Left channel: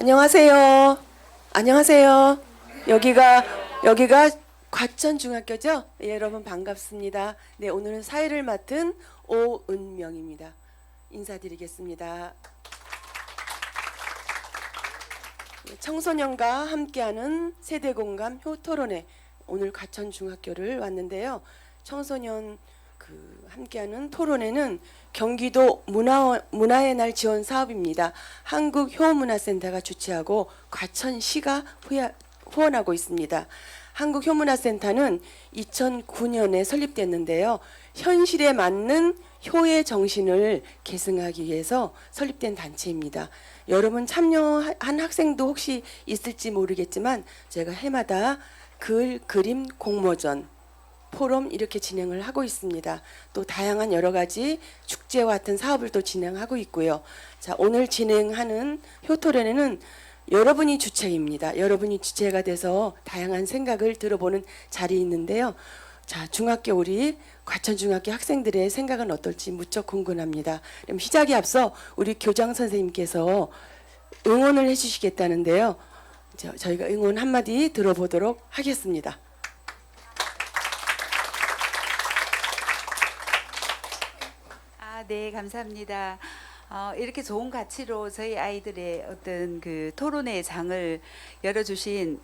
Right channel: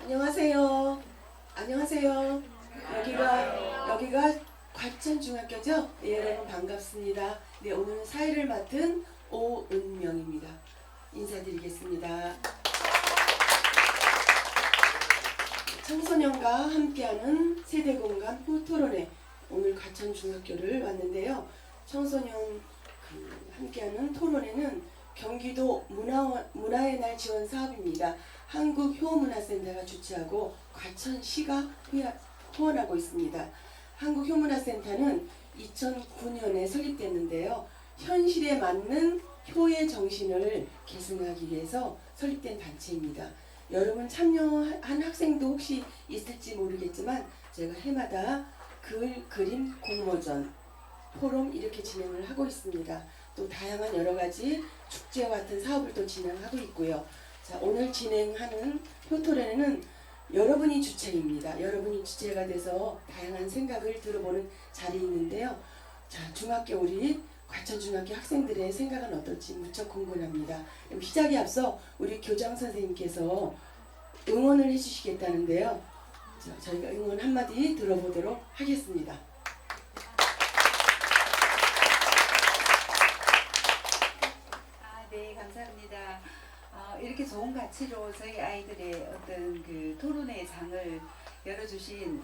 안녕하세요. 안녕하세요. 여기가 과천중학교죠? 예, 여러분 반갑습니다. 네, 오늘은 사회를 맡은 오은명입니다. 인사드리겠습니다. 청소년과 함께하는 세대공감 효토론회, 오늘 과천중학교를 왔는데요. 청소년 함께하는 토론회는 경기도 문화의 날 지원 사업입니다. 한국효문화센터가 주최하고 과천시가 후원하고 있습니다. 한국효문화센터는 2009년에 설립됐는데요. 현실에 맞는 효의 정신을 계승하기 위해서 설립된 단체입니다. 여러분 참여한 학생도 혹시 있을지 모르겠지만 제가 해마다 글, 그림, 공모전, 포럼 이렇게 진행을 하고 있습니다. 또 다양한 여러 가지 축제와 같은 사업을 또 진행하고 있고요. 자, 오늘 진행하는 효토론회는 여러분이 주체입니다. 여러분이 주체가 돼서 다양한 생각을 들어보는 자리에 있는데요. 자, 중학교 우리 과천중학교 학생들의 생각은 어떨지 무척 궁금합니다. 그럼 시작에 앞서 우리 교장 선생님께서 응원을 해주시겠다는데요. 저희가 응원 한마디 들어보도록 하겠습니다. 네, 감사합니다. 이렇게 좋은 가치로 저희 아이들의 어떤 그 토론회 장을 열어주신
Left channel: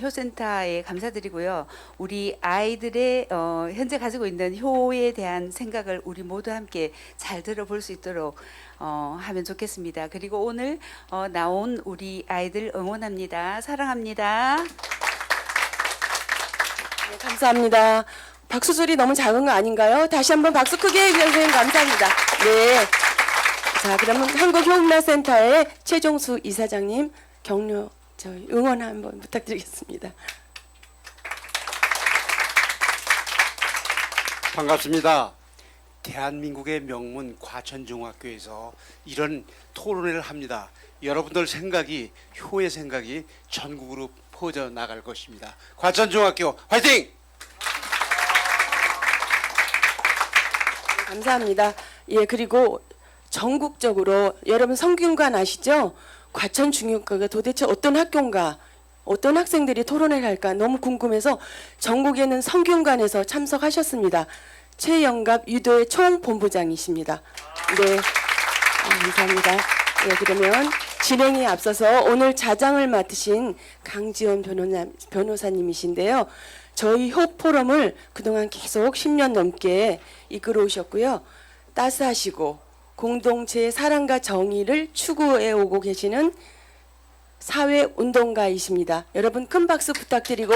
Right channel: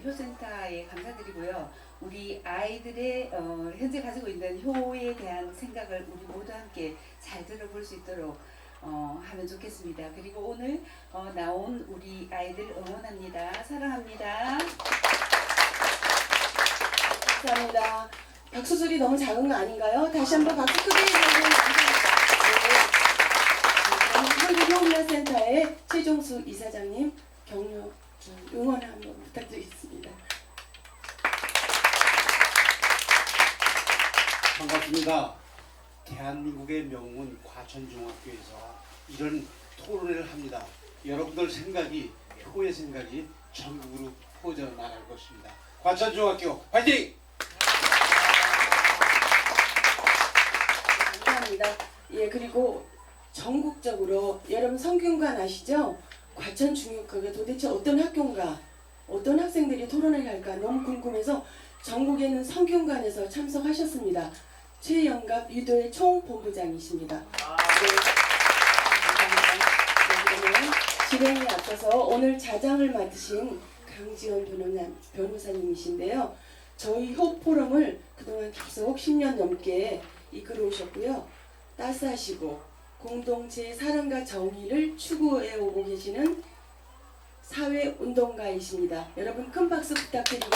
효센터에 감사드리고요. 우리 아이들의 현재 가지고 있는 효에 대한 생각을 우리 모두 함께 잘 들어볼 수 있도록 하면 좋겠습니다. 그리고 오늘 나온 우리 아이들 응원합니다. 사랑합니다. 감사합니다. 박수 소리 너무 작은 거 아닌가요? 다시 한번 박수 크게 해주셔서 감사합니다. 네. 자, 그러면 한국효문화센터의 최종수 이사장님 격려, 응원 한번 부탁드리겠습니다. 반갑습니다. 대한민국의 명문 과천중학교에서 이런 토론회를 합니다. 여러분들 생각이, 효의 생각이 전국으로 퍼져나갈 것입니다. 과천중학교 화이팅! 감사합니다. 예, 그리고 전국적으로 여러분 성균관 아시죠? 과천중학교가 도대체 어떤 학교인가, 어떤 학생들이 토론회를 할까 너무 궁금해서 전국에는 성균관에서 참석하셨습니다. 최영갑 유도회 총본부장이십니다. 네, 감사합니다. 네, 그러면 진행에 앞서서 오늘 자장을 맡으신 강지원 변호사님이신데요. 저희 효포럼을 그동안 계속 10년 넘게 이끌어 오셨고요. 따스하시고 공동체의 사랑과 정의를 추구해 오고 계시는 사회운동가이십니다. 여러분 큰 박수 부탁드리고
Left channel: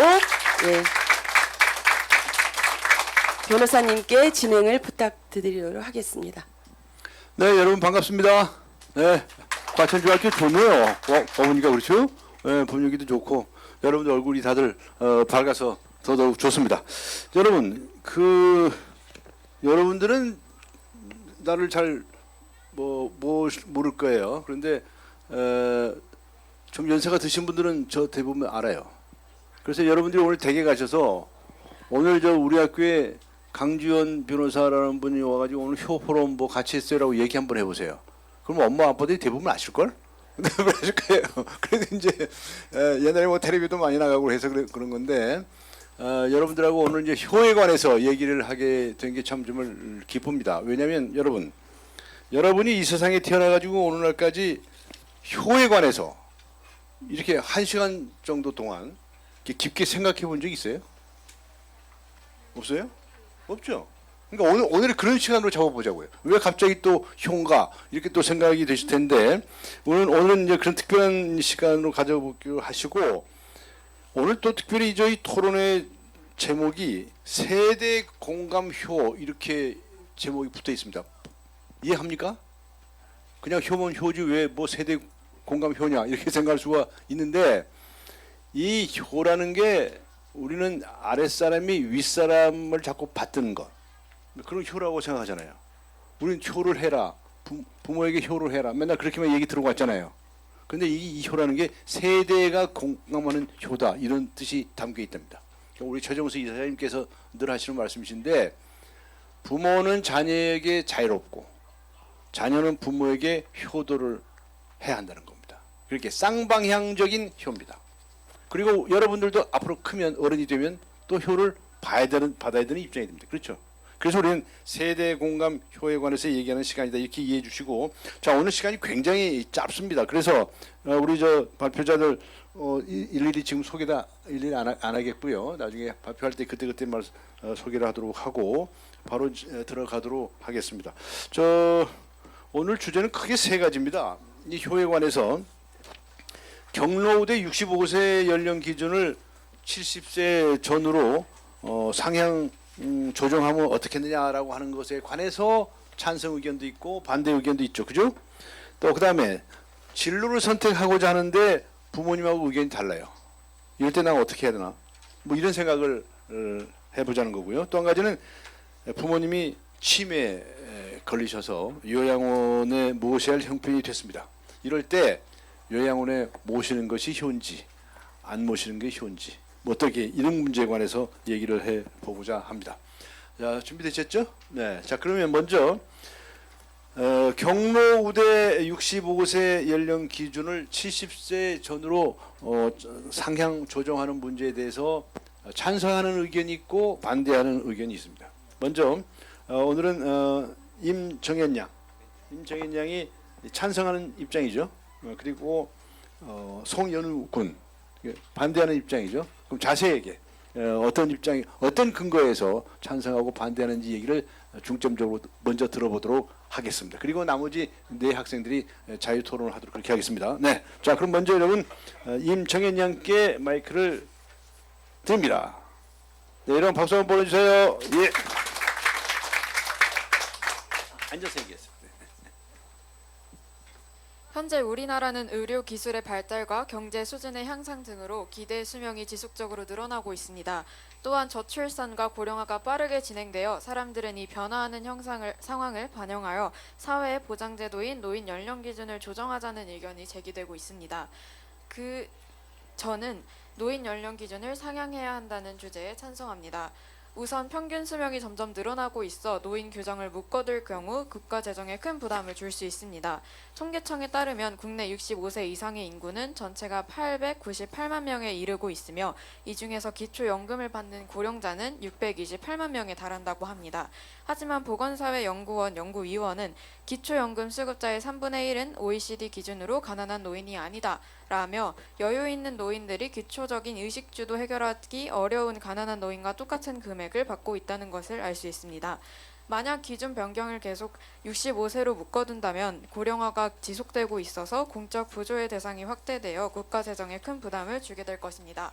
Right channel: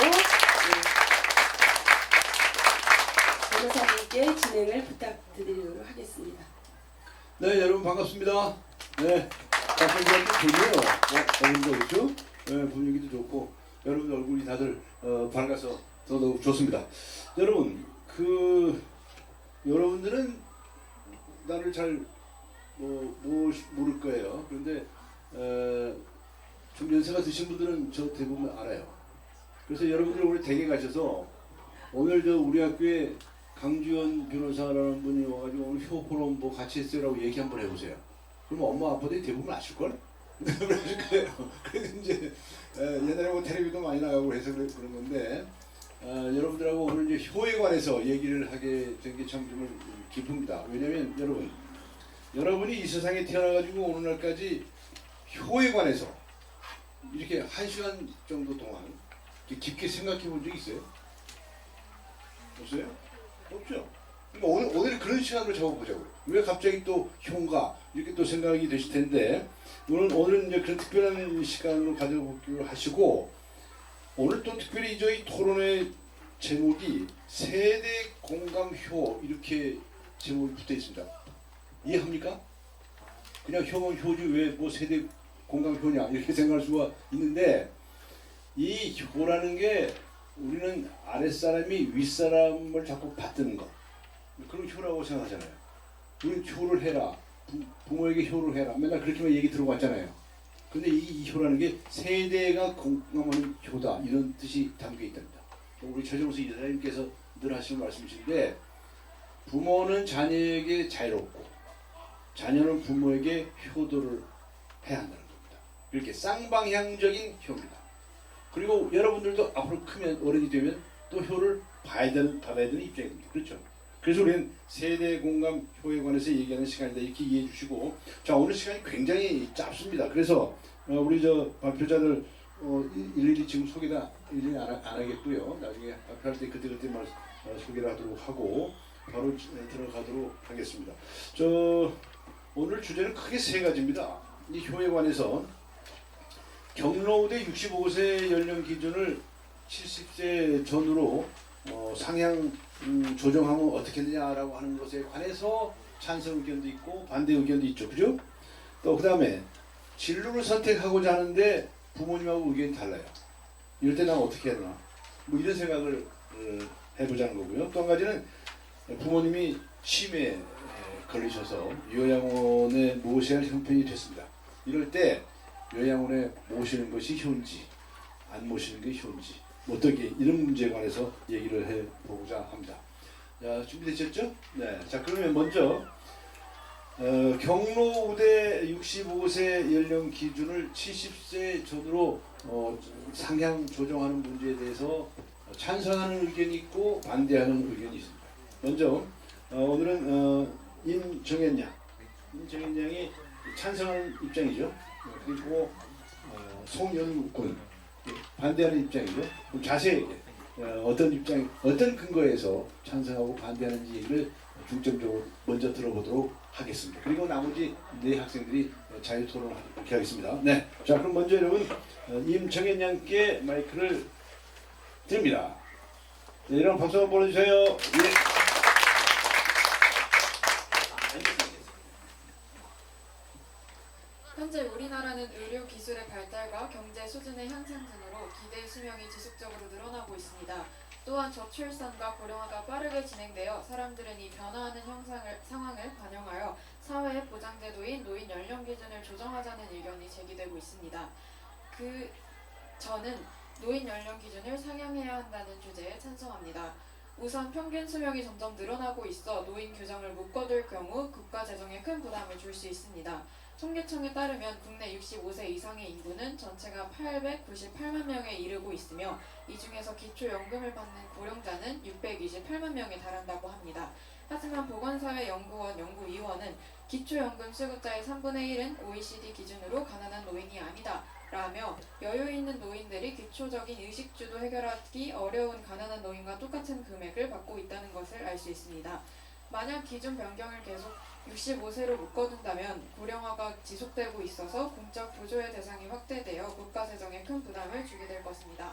변호사님께 진행을 부탁드리도록 하겠습니다. 네, 여러분 반갑습니다. 네, 과천중학교 좋네요. 어머니가 그렇죠? 네, 분위기도 좋고 여러분들 얼굴이 다들 밝아서 더더욱 좋습니다. 여러분, 여러분들은 나를 잘 모를 거예요. 그런데 좀 연세가 드신 분들은 저 대부분 알아요. 그래서 여러분들이 오늘 댁에 가셔서 오늘 우리 학교에 강지원 변호사라는 분이 와가지고 오늘 효포럼 같이 했어요라고 얘기 한번 해보세요. 그럼 엄마 아빠들이 대부분 아실걸? 그러실 거예요. 그래도 이제 옛날에 텔레비도 많이 나가고 해서 그런 건데 여러분들하고 오늘 이제 효에 관해서 얘기를 하게 된 게 참 정말 기쁩니다. 왜냐하면 여러분이 이 세상에 태어나가지고 오늘날까지 효에 관해서 이렇게 1시간 정도 동안 깊게 생각해 본 적 있어요? 없어요? 없죠? 그러니까 오늘 그런 시간으로 잡아보자고요. 왜 갑자기 또 효인가 이렇게 또 생각이 되실 텐데 오늘은 이제 그런 특별한 시간으로 가져보기로 하시고 오늘 또 특별히 저희 토론회 제목이 세대 공감효 이렇게 제목이 붙어 있습니다. 이해합니까? 그냥 효는 효지 왜 세대 공감효냐 이렇게 생각할 수가 있는데 이 효라는 게 우리는 아랫사람이 윗사람을 자꾸 받드는 것 그런 효라고 생각하잖아요. 우리는 효를 해라 부모에게 효를 해라 맨날 그렇게만 얘기 들어봤잖아요. 근데 이 효라는 게 세대가 공감하는 효다 이런 뜻이 담겨 있답니다. 우리 최정수 이사장님께서 늘 하시는 말씀이신데 부모는 자녀에게 자유롭고 자녀는 부모에게 효도를 해야 한다는 겁니다. 그렇게 쌍방향적인 효입니다. 그리고 여러분들도 앞으로 크면 어른이 되면 또 효를 받아야 되는 입장이 됩니다. 그렇죠? 그래서 우리는 세대 공감 효에 관해서 얘기하는 시간이다 이렇게 이해해 주시고, 자 오늘 시간이 굉장히 짧습니다. 그래서 우리 저 발표자들 일일이 지금 소개다 일일이 안 하겠고요. 나중에 발표할 때 그때만 소개를 하도록 하고 바로 들어가도록 하겠습니다. 저 오늘 주제는 크게 세 가지입니다. 이 효에 관해서 경로우대 65세 연령 기준을 70세 전으로 상향 조정하면 어떻겠느냐라고 하는 것에 관해서 찬성 의견도 있고 반대 의견도 있죠. 그죠? 또 그다음에 진로를 선택하고자 하는데 부모님하고 의견이 달라요. 이럴 때 난 어떻게 해야 되나? 뭐 이런 생각을 해보자는 거고요. 또 한 가지는 부모님이 치매에 걸리셔서 요양원에 모셔야 할 형편이 됐습니다. 이럴 때 요양원에 모시는 것이 효인지 안 모시는 게 효인지 뭐 어떻게 이런 문제에 관해서 얘기를 해보고자 합니다. 자 준비되셨죠? 네. 자 그러면 먼저 경로우대 65세 연령 기준을 70세 전으로 상향 조정하는 문제에 대해서 찬성하는 의견이 있고 반대하는 의견이 있습니다. 먼저 오늘은 임정현 양이 찬성하는 입장이죠. 그리고 송연우 군 반대하는 입장이죠. 그럼 자세하게 어떤 근거에서 찬성하고 반대하는지 얘기를 중점적으로 먼저 들어보도록 하겠습니다. 그리고 나머지 네 학생들이 자유 토론을 하도록 그렇게 하겠습니다. 네, 자 그럼 먼저 여러분 임정현 양께 마이크를 드립니다. 네, 여러분 박수 한번 보내주세요. 예. 앉아서 얘기했습니다. 현재 우리나라는 의료 기술의 발달과 경제 수준의 향상 등으로 기대 수명이 지속적으로 늘어나고 있습니다. 또한 저출산과 고령화가 빠르게 진행되어 사람들은 이 변화하는 상황을 반영하여 사회 보장제도인 노인 연령 기준을 조정하자는 의견이 제기되고 있습니다. 저는 노인 연령 기준을 상향해야 한다는 주제에 찬성합니다. 우선 평균 수명이 점점 늘어나고 있어 노인 규정을 묶어둘 경우 국가 재정에 큰 부담을 줄 수 있습니다. 통계청에 따르면 국내 65세 이상의 인구는 전체가 898만 명에 이르고 있으며 이 중에서 기초연금을 받는 고령자는 628만 명에 달한다고 합니다. 하지만 보건사회연구원 연구위원은 기초연금 수급자의 3분의 1은 OECD 기준으로 가난한 노인이 아니다 라며 여유 있는 노인들이 기초적인 의식주도 해결하기 어려운 가난한 노인과 똑같은 금액을 받고 있다는 것을 알 수 있습니다. 만약 기준 변경을 계속 65세로 묶어둔다면 고령화가 지속되고 있어서 공적 부조의 대상이 확대되어 국가 재정에 큰 부담을 주게 될 것입니다.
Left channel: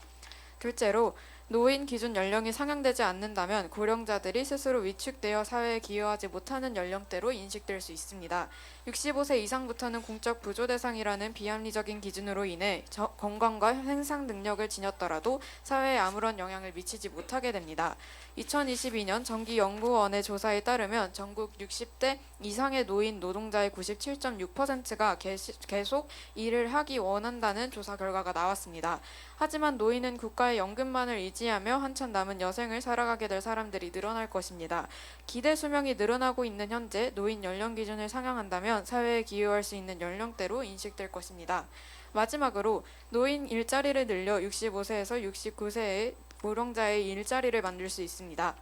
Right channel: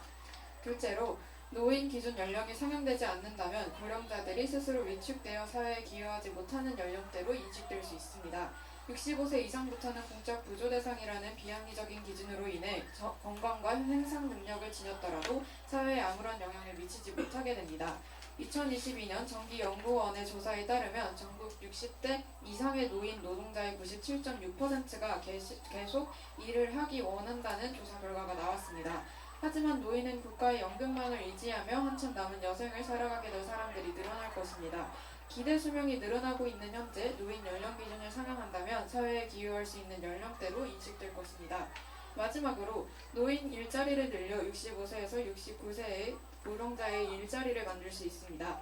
둘째로 노인 기준 연령이 상향되지 않는다면 고령자들이 스스로 위축되어 사회에 기여하지 못하는 연령대로 인식될 수 있습니다. 65세 이상부터는 공적 부조 대상이라는 비합리적인 기준으로 인해 건강과 생산 능력을 지녔더라도 사회에 아무런 영향을 미치지 못하게 됩니다. 2022년 정기연구원의 조사에 따르면 전국 60대 이상의 노인 노동자의 97.6%가 계속 일을 하기 원한다는 조사 결과가 나왔습니다. 하지만 노인은 국가의 연금만을 의지하며 한참 남은 여생을 살아가게 될 사람들이 늘어날 것입니다. 기대 수명이 늘어나고 있는 현재 노인 연령 기준을 상향한다면 사회에 기여할 수 있는 연령대로 인식될 것입니다. 마지막으로 노인 일자리를 늘려 65세에서 69세의 고령자의 일자리를 만들 수 있습니다.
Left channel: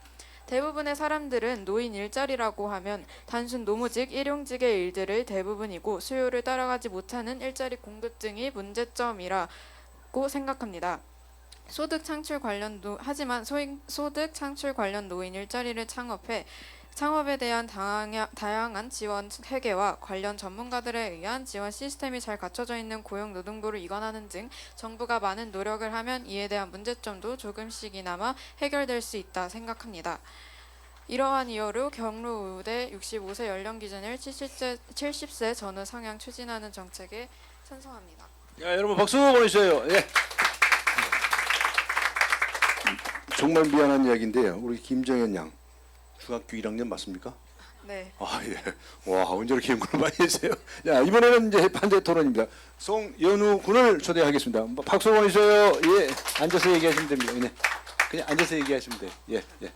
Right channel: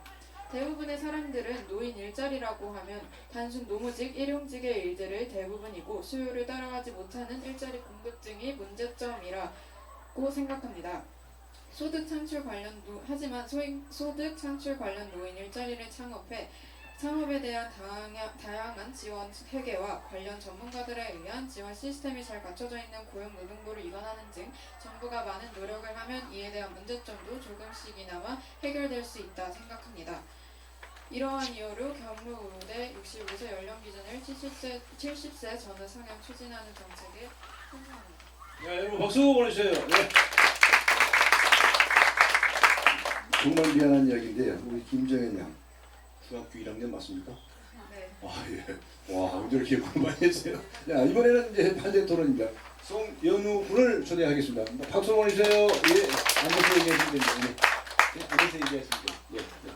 대부분의 사람들은 노인 일자리라고 하면 단순 노무직, 일용직의 일들을 대부분이고 수요를 따라가지 못하는 일자리 공급 등이 문제점이라고 생각합니다. 하지만 소득 창출 관련 노인 일자리를 창업에 대한 다양한 지원 체계와 관련 전문가들에 의한 지원 시스템이 잘 갖춰져 있는 고용노동부를 이관하는 등 정부가 많은 노력을 하면 이에 대한 문제점도 조금씩이나마 해결될 수 있다 생각합니다. 이러한 이유로 경로우대 65세 연령 기준을 70세 전후 상향 추진하는 정책에 찬성합니다. 네, 여러분 박수 보내주세요. 예. 정말 미안한 이야기인데요. 우리 김정현 양 중학교 1학년 맞습니까? 네. 아 예. 와 언제 이렇게 연구를 많이 했어요. 자 이번에는 이제 반대 토론입니다. 송연우 군을 초대하겠습니다. 박수 보내주세요. 예. 앉아서 얘기하시면 됩니다. 네. 그냥 앉아서 얘기하시면 돼요. 예. 예.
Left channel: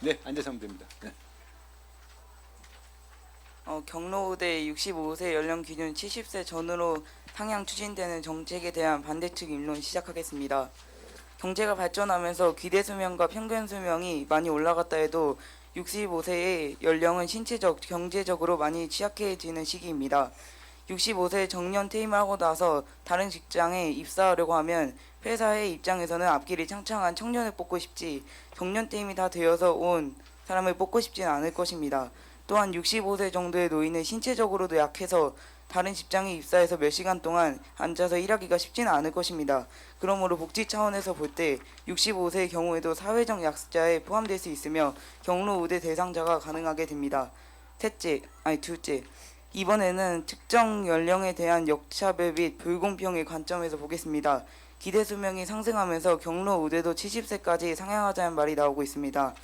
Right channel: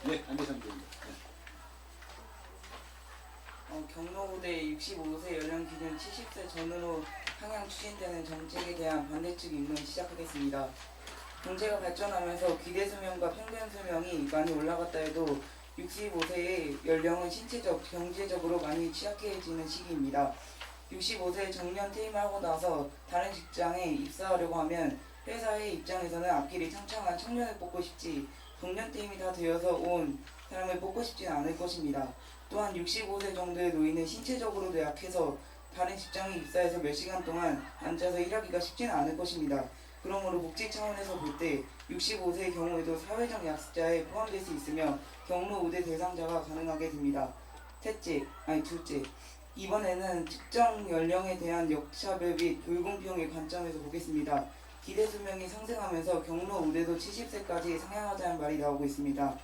네 앉아서 하면 됩니다. 네. 경로우대 65세 연령 기준 70세 전으로 향양 추진되는 정책에 대한 반대측 입론 시작하겠습니다. 경제가 발전하면서 기대 수명과 평균 수명이 많이 올라갔다 해도 65세의 연령은 신체적, 경제적으로 많이 취약해지는 시기입니다. 65세 정년 퇴임하고 나서 다른 직장에 입사하려고 하면 회사의 입장에서는 앞길이 창창한 청년을 뽑고 싶지 정년 퇴임이 다 되어서 온 사람을 뽑고 싶지는 않을 것입니다. 또한 65세 정도의 노인은 신체적으로도 약해서 다른 직장에 입사해서 몇 시간 동안 앉아서 일하기가 쉽지는 않을 것입니다. 그러므로 복지 차원에서 볼 때 65세의 경우에도 사회적 약자에 포함될 수 있으며 경로 우대 대상자가 가능하게 됩니다. 둘째, 이번에는 특정 연령에 대한 역차별 및 불공평의 관점에서 보겠습니다. 기대 수명이 상승하면서 경로 우대도 70세까지 상향하자는 말이 나오고 있습니다.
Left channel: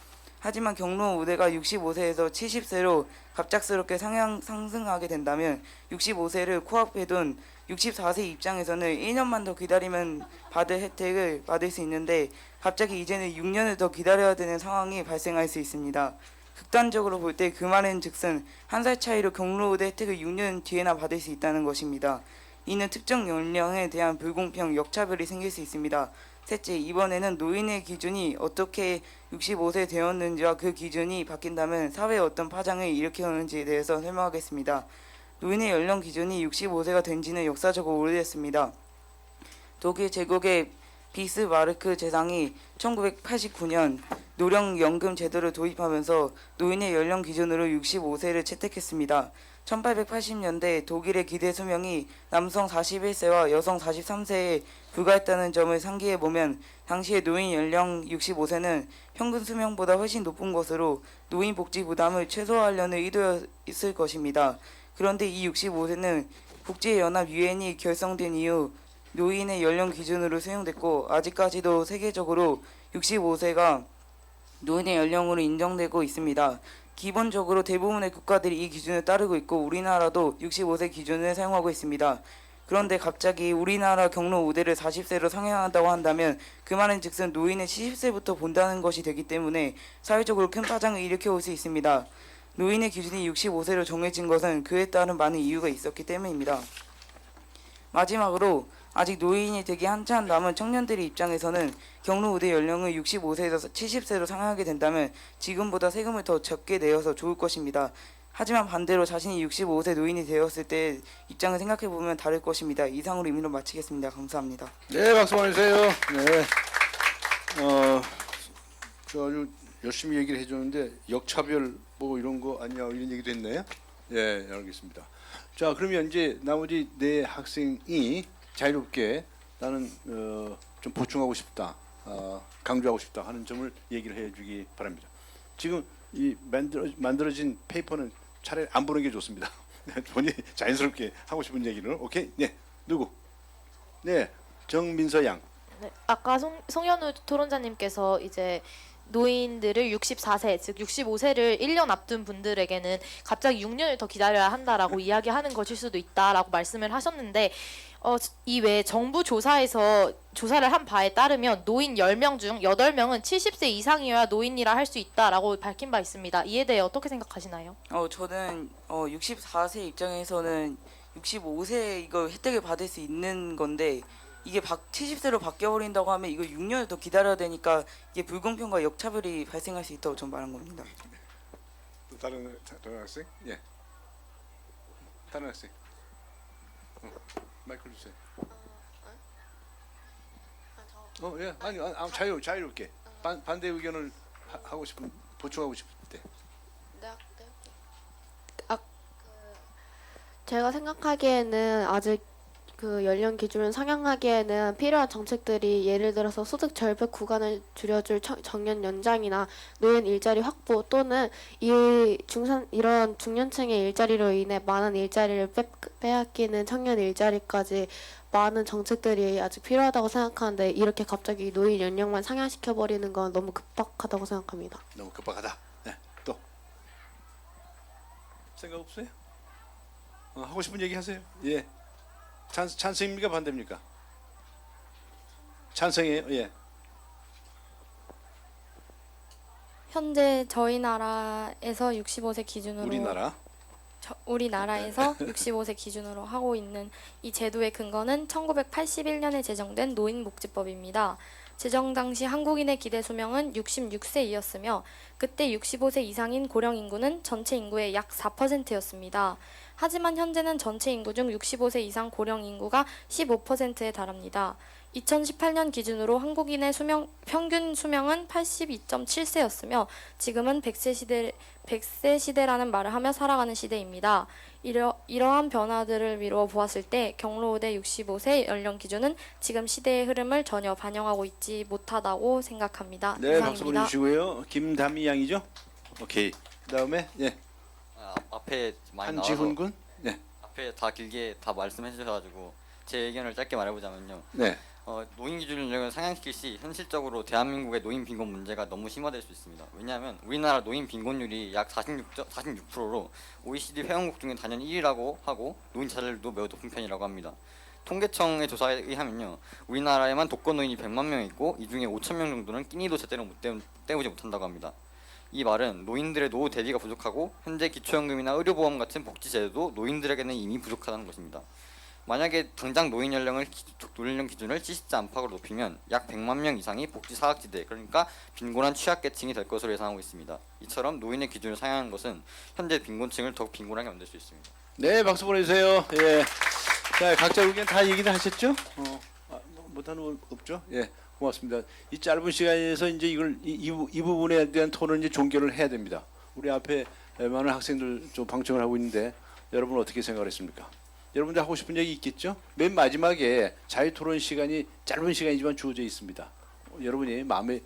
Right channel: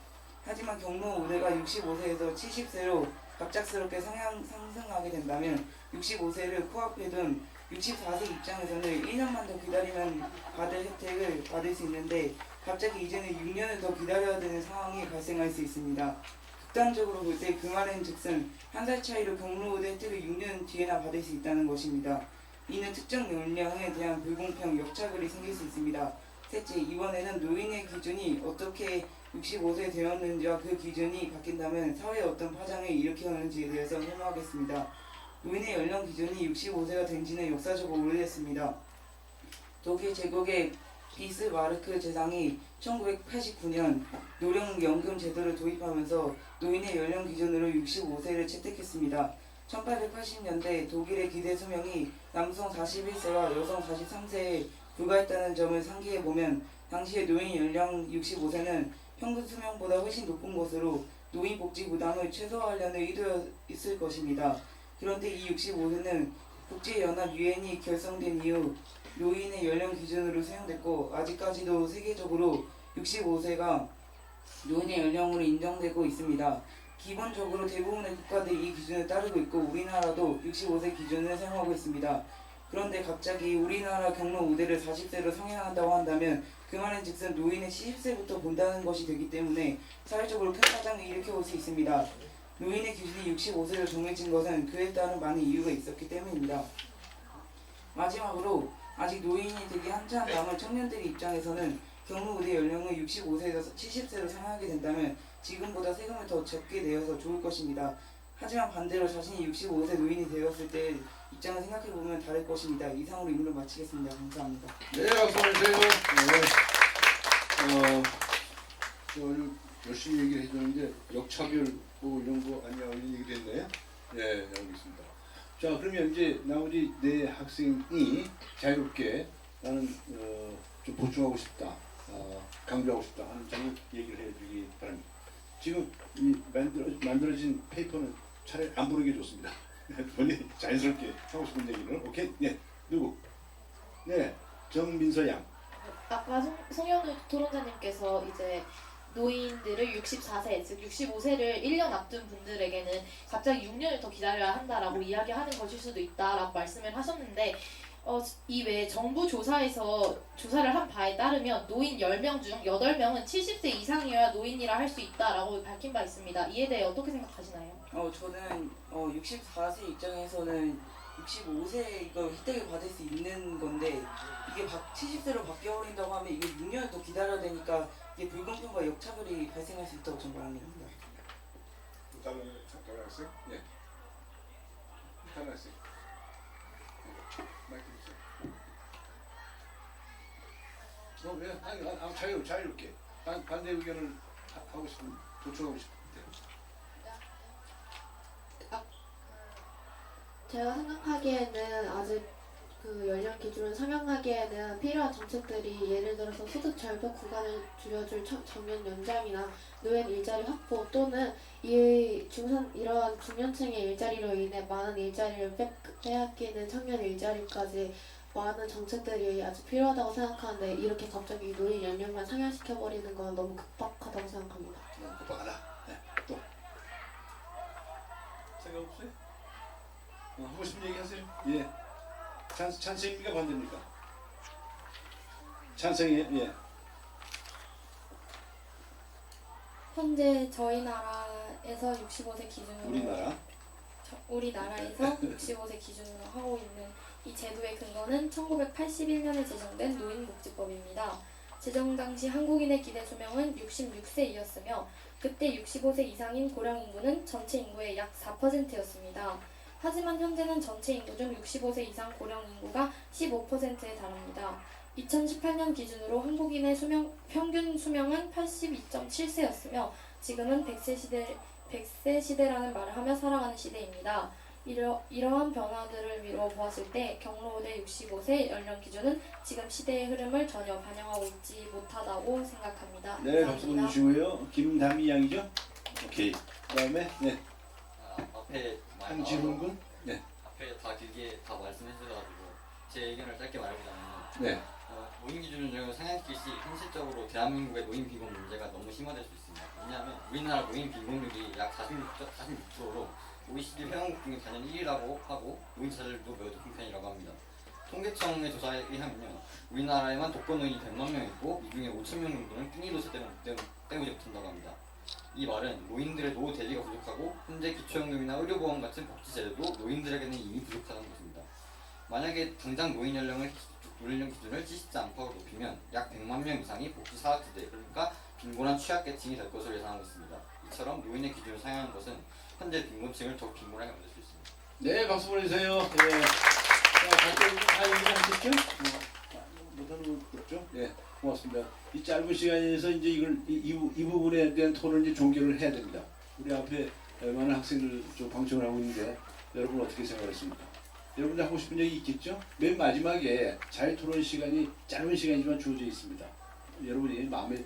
하지만 경로 우대가 65세에서 70세로 갑작스럽게 상승하게 된다면 65세를 코앞에 둔 64세 입장에서는 1년만 더 기다리면 받을 혜택을 받을 수 있는데 갑자기 이제는 6년을 더 기다려야 되는 상황이 발생할 수 있습니다. 극단적으로 볼 때 그 말은 즉슨 한 살 차이로 경로 우대 혜택을 6년 뒤에나 받을 수 있다는 것입니다. 이는 특정 연령에 대한 불공평, 역차별이 생길 수 있습니다. 셋째, 이번에는 노인의 기준이 어떻게 65세 되었는지와 그 기준이 바뀐다면 사회에 어떤 파장을 일으켜오는지에 대해서 설명하겠습니다. 노인의 연령 기준이 65세가 된 지는 역사적으로 오래됐습니다. 독일 제국의 비스마르크 제상이 1989년 노령연금 제도를 도입하면서 노인의 연령 기준으로 65세를 채택했습니다. 1880년대 독일의 기대 수명이 남성 41세와 여성 43세에 불과했다는 점을 상기해보면 당시의 노인 연령 65세는 평균 수명보다 훨씬 높은 것으로 노인 복지 부담을 최소화하려는 의도였을 것입니다. 그런데 이 65세는 국제연합 유엔이 결성된 이후 노인의 연령 기준으로 사용됐고 아직까지도 세계적으로 65세가 노인의 연령으로 인정되고 있습니다. 기본적으로 대부분의 국가들이 이 기준을 따르고 있고 우리나라도 65세 기준을 사용하고 있습니다. 그런데 갑자기 우리나라 경로 우대를 40세로 상향한다고 한다면 그 말은 즉슨 노인을 70세부터 본다는 것이 되기 때문에 사회적으로 큰 파장을 일으켜 올 수 있습니다. 노인의 기준이 65세로 정해진 것은 그에 따른 많은 이유가 있었기 때문입니다. 마지막으로 아직 노인이 되기 한참 남은 청년들의 입장에서는 경로 우대 연령을 65세에서 70세로 상향하게 된다면 지금보다 세금을 더 적게 내어서 좋을 것입니다. 하지만 반대로 자신이 65세 노인이 되었을 때 입장을 생각해보면 다를 것입니다. 이상으로 임의로 마치겠습니다. 감사합니다. 네, 박수 보내주세요. 네. 아주 열심히 얘기를 해줬는데 역차별 뭐 이런 거 아니냐 이런 얘기도 했나요? 네, 알겠습니다. 자, 그러면 이제 나머지 네 학생이 자유롭게 나는 좀 보충하고 싶다, 강조하고 싶다 하는 점을 얘기를 해주기 바랍니다. 지금 이 만들어진 페이퍼는 차라리 안 보는 게 좋습니다. 본인이 자연스럽게 하고 싶은 얘기를. 오케이? 네, 누구? 네, 정민서 양. 네, 아까 송현우 토론자님께서 이제 노인들을 64세, 즉 65세를 1년 앞둔 분들에게는 갑자기 6년을 더 기다려야 한다라고 이야기하는 것일 수도 있다라고 말씀을 하셨는데 이외에 정부 조사에서 조사를 한 바에 따르면 노인 10명 중 8명은 70세 이상이어야 노인이라 할 수 있다라고 밝힌 바 있습니다. 이에 대해 어떻게 생각하시나요? 저는 64세 입장에서는 65세 이거 혜택을 받을 수 있는 건데 이게 70세로 바뀌어버린다고 하면 이거 6년을 더 기다려야 되니까 이게 불공평과 역차별이 발생할 수 있다고 전 말한 겁니다. 다른 학생? 예. 다른 학생. 마이크 주세요. 예. 아니 자유롭게 반대 의견을 하고 싶은 보충하고 싶을 때. 제가 생각하기에는 아직 그 연령 기준을 상향하기에는 필요한 정책들이 예를 들어서 소득 절벽 구간을 줄여줄 정년 연장이나 노인 일자리 확보 또는 이런 중년층의 일자리로 인해 많은 일자리를 빼앗기는 청년 일자리까지 많은 정책들이 아직 필요하다고 생각하는데 이렇게 갑자기 노인 연령만 상향시켜버리는 건 너무 급박하다고 생각합니다. 너무 급박하다. 네. 또 생각 없어요? 하고 싶은 얘기 하세요. 예. 찬성입니까 반대입니까? 찬성이에요. 예. 현재 저희 나라에서 65세 기준으로 우리나라. 우리나라에서 65세 기준으로 하고 있는 이 제도의 근거는 1981년에 제정된 노인복지법입니다. 제정 당시 한국인의 기대 수명은 66세이었으며 그때 65세 이상인 고령 인구는 전체 인구의 약 4%였습니다. 하지만 현재는 전체 인구 중 65세 이상 고령 인구가 15%에 달합니다. 2018년 기준으로 한국인의 평균 수명은 82.7세였으며 지금은 100세 시대라는 말을 하며 살아가는 시대입니다. 이러한 변화들을 미루어 보았을 때 경로우대 65세 연령 기준은 지금 시대의 흐름을 전혀 반영하고 있지 못하다고 생각합니다. 네, 박수 이상입니다. 보내주시고요. 김담희 양이죠? 오케이. 그다음에 네, 앞에 많이 한지훈 나와서 군. 네, 앞에 다 길게 다 말씀해 주셔가지고 제 의견을 짧게 말해보자면요. 네, 노인 기준을 상향시킬 시 현실적으로 대한민국의 노인 빈곤 문제가 너무 심화될 수 있습니다. 왜냐하면 우리나라 노인 빈곤율이 약 46%로 OECD 회원국 중에 단연 1위라고 하고 노인 자살률도 매우 높은 편이라고 합니다. 통계청의 조사에 의하면요, 우리나라에만 독거노인이 100만 명 있고 이 중에 5천 명 정도는 끼니도 제대로 때우지 못한다고 합니다. 이 말은 노인들의 노후 대비가 부족하고 현재 기초연금이나 의료보험 같은 복지제도도 노인들에게는 이미 부족하다는 것입니다. 만약에 당장 노인 연령 기준을 70세 안팎으로 높이면 약 100만 명 이상이 복지 사각지대, 그러니까 빈곤한 취약계층이 될 것으로 예상하고 있습니다. 이처럼 노인의 기준을 상향하는 것은 현재 빈곤층을 더욱 빈곤하게 만들 수 있습니다. 네, 박수 보내주세요. 예. 자, 각자 의견 다 얘기는 하셨죠? 못하는 분 없죠? 예, 고맙습니다. 이 짧은 시간에서 이제 이 부분에 대한 토론을 이제 종결을 해야 됩니다. 우리 앞에 많은 학생들 좀 방청을 하고 있는데 여러분 어떻게 생각하십니까? 여러분들 하고 싶은 얘기 있겠죠? 맨 마지막에 자유 토론 시간이 짧은 시간이지만 주어져 있습니다. 여러분이 마음에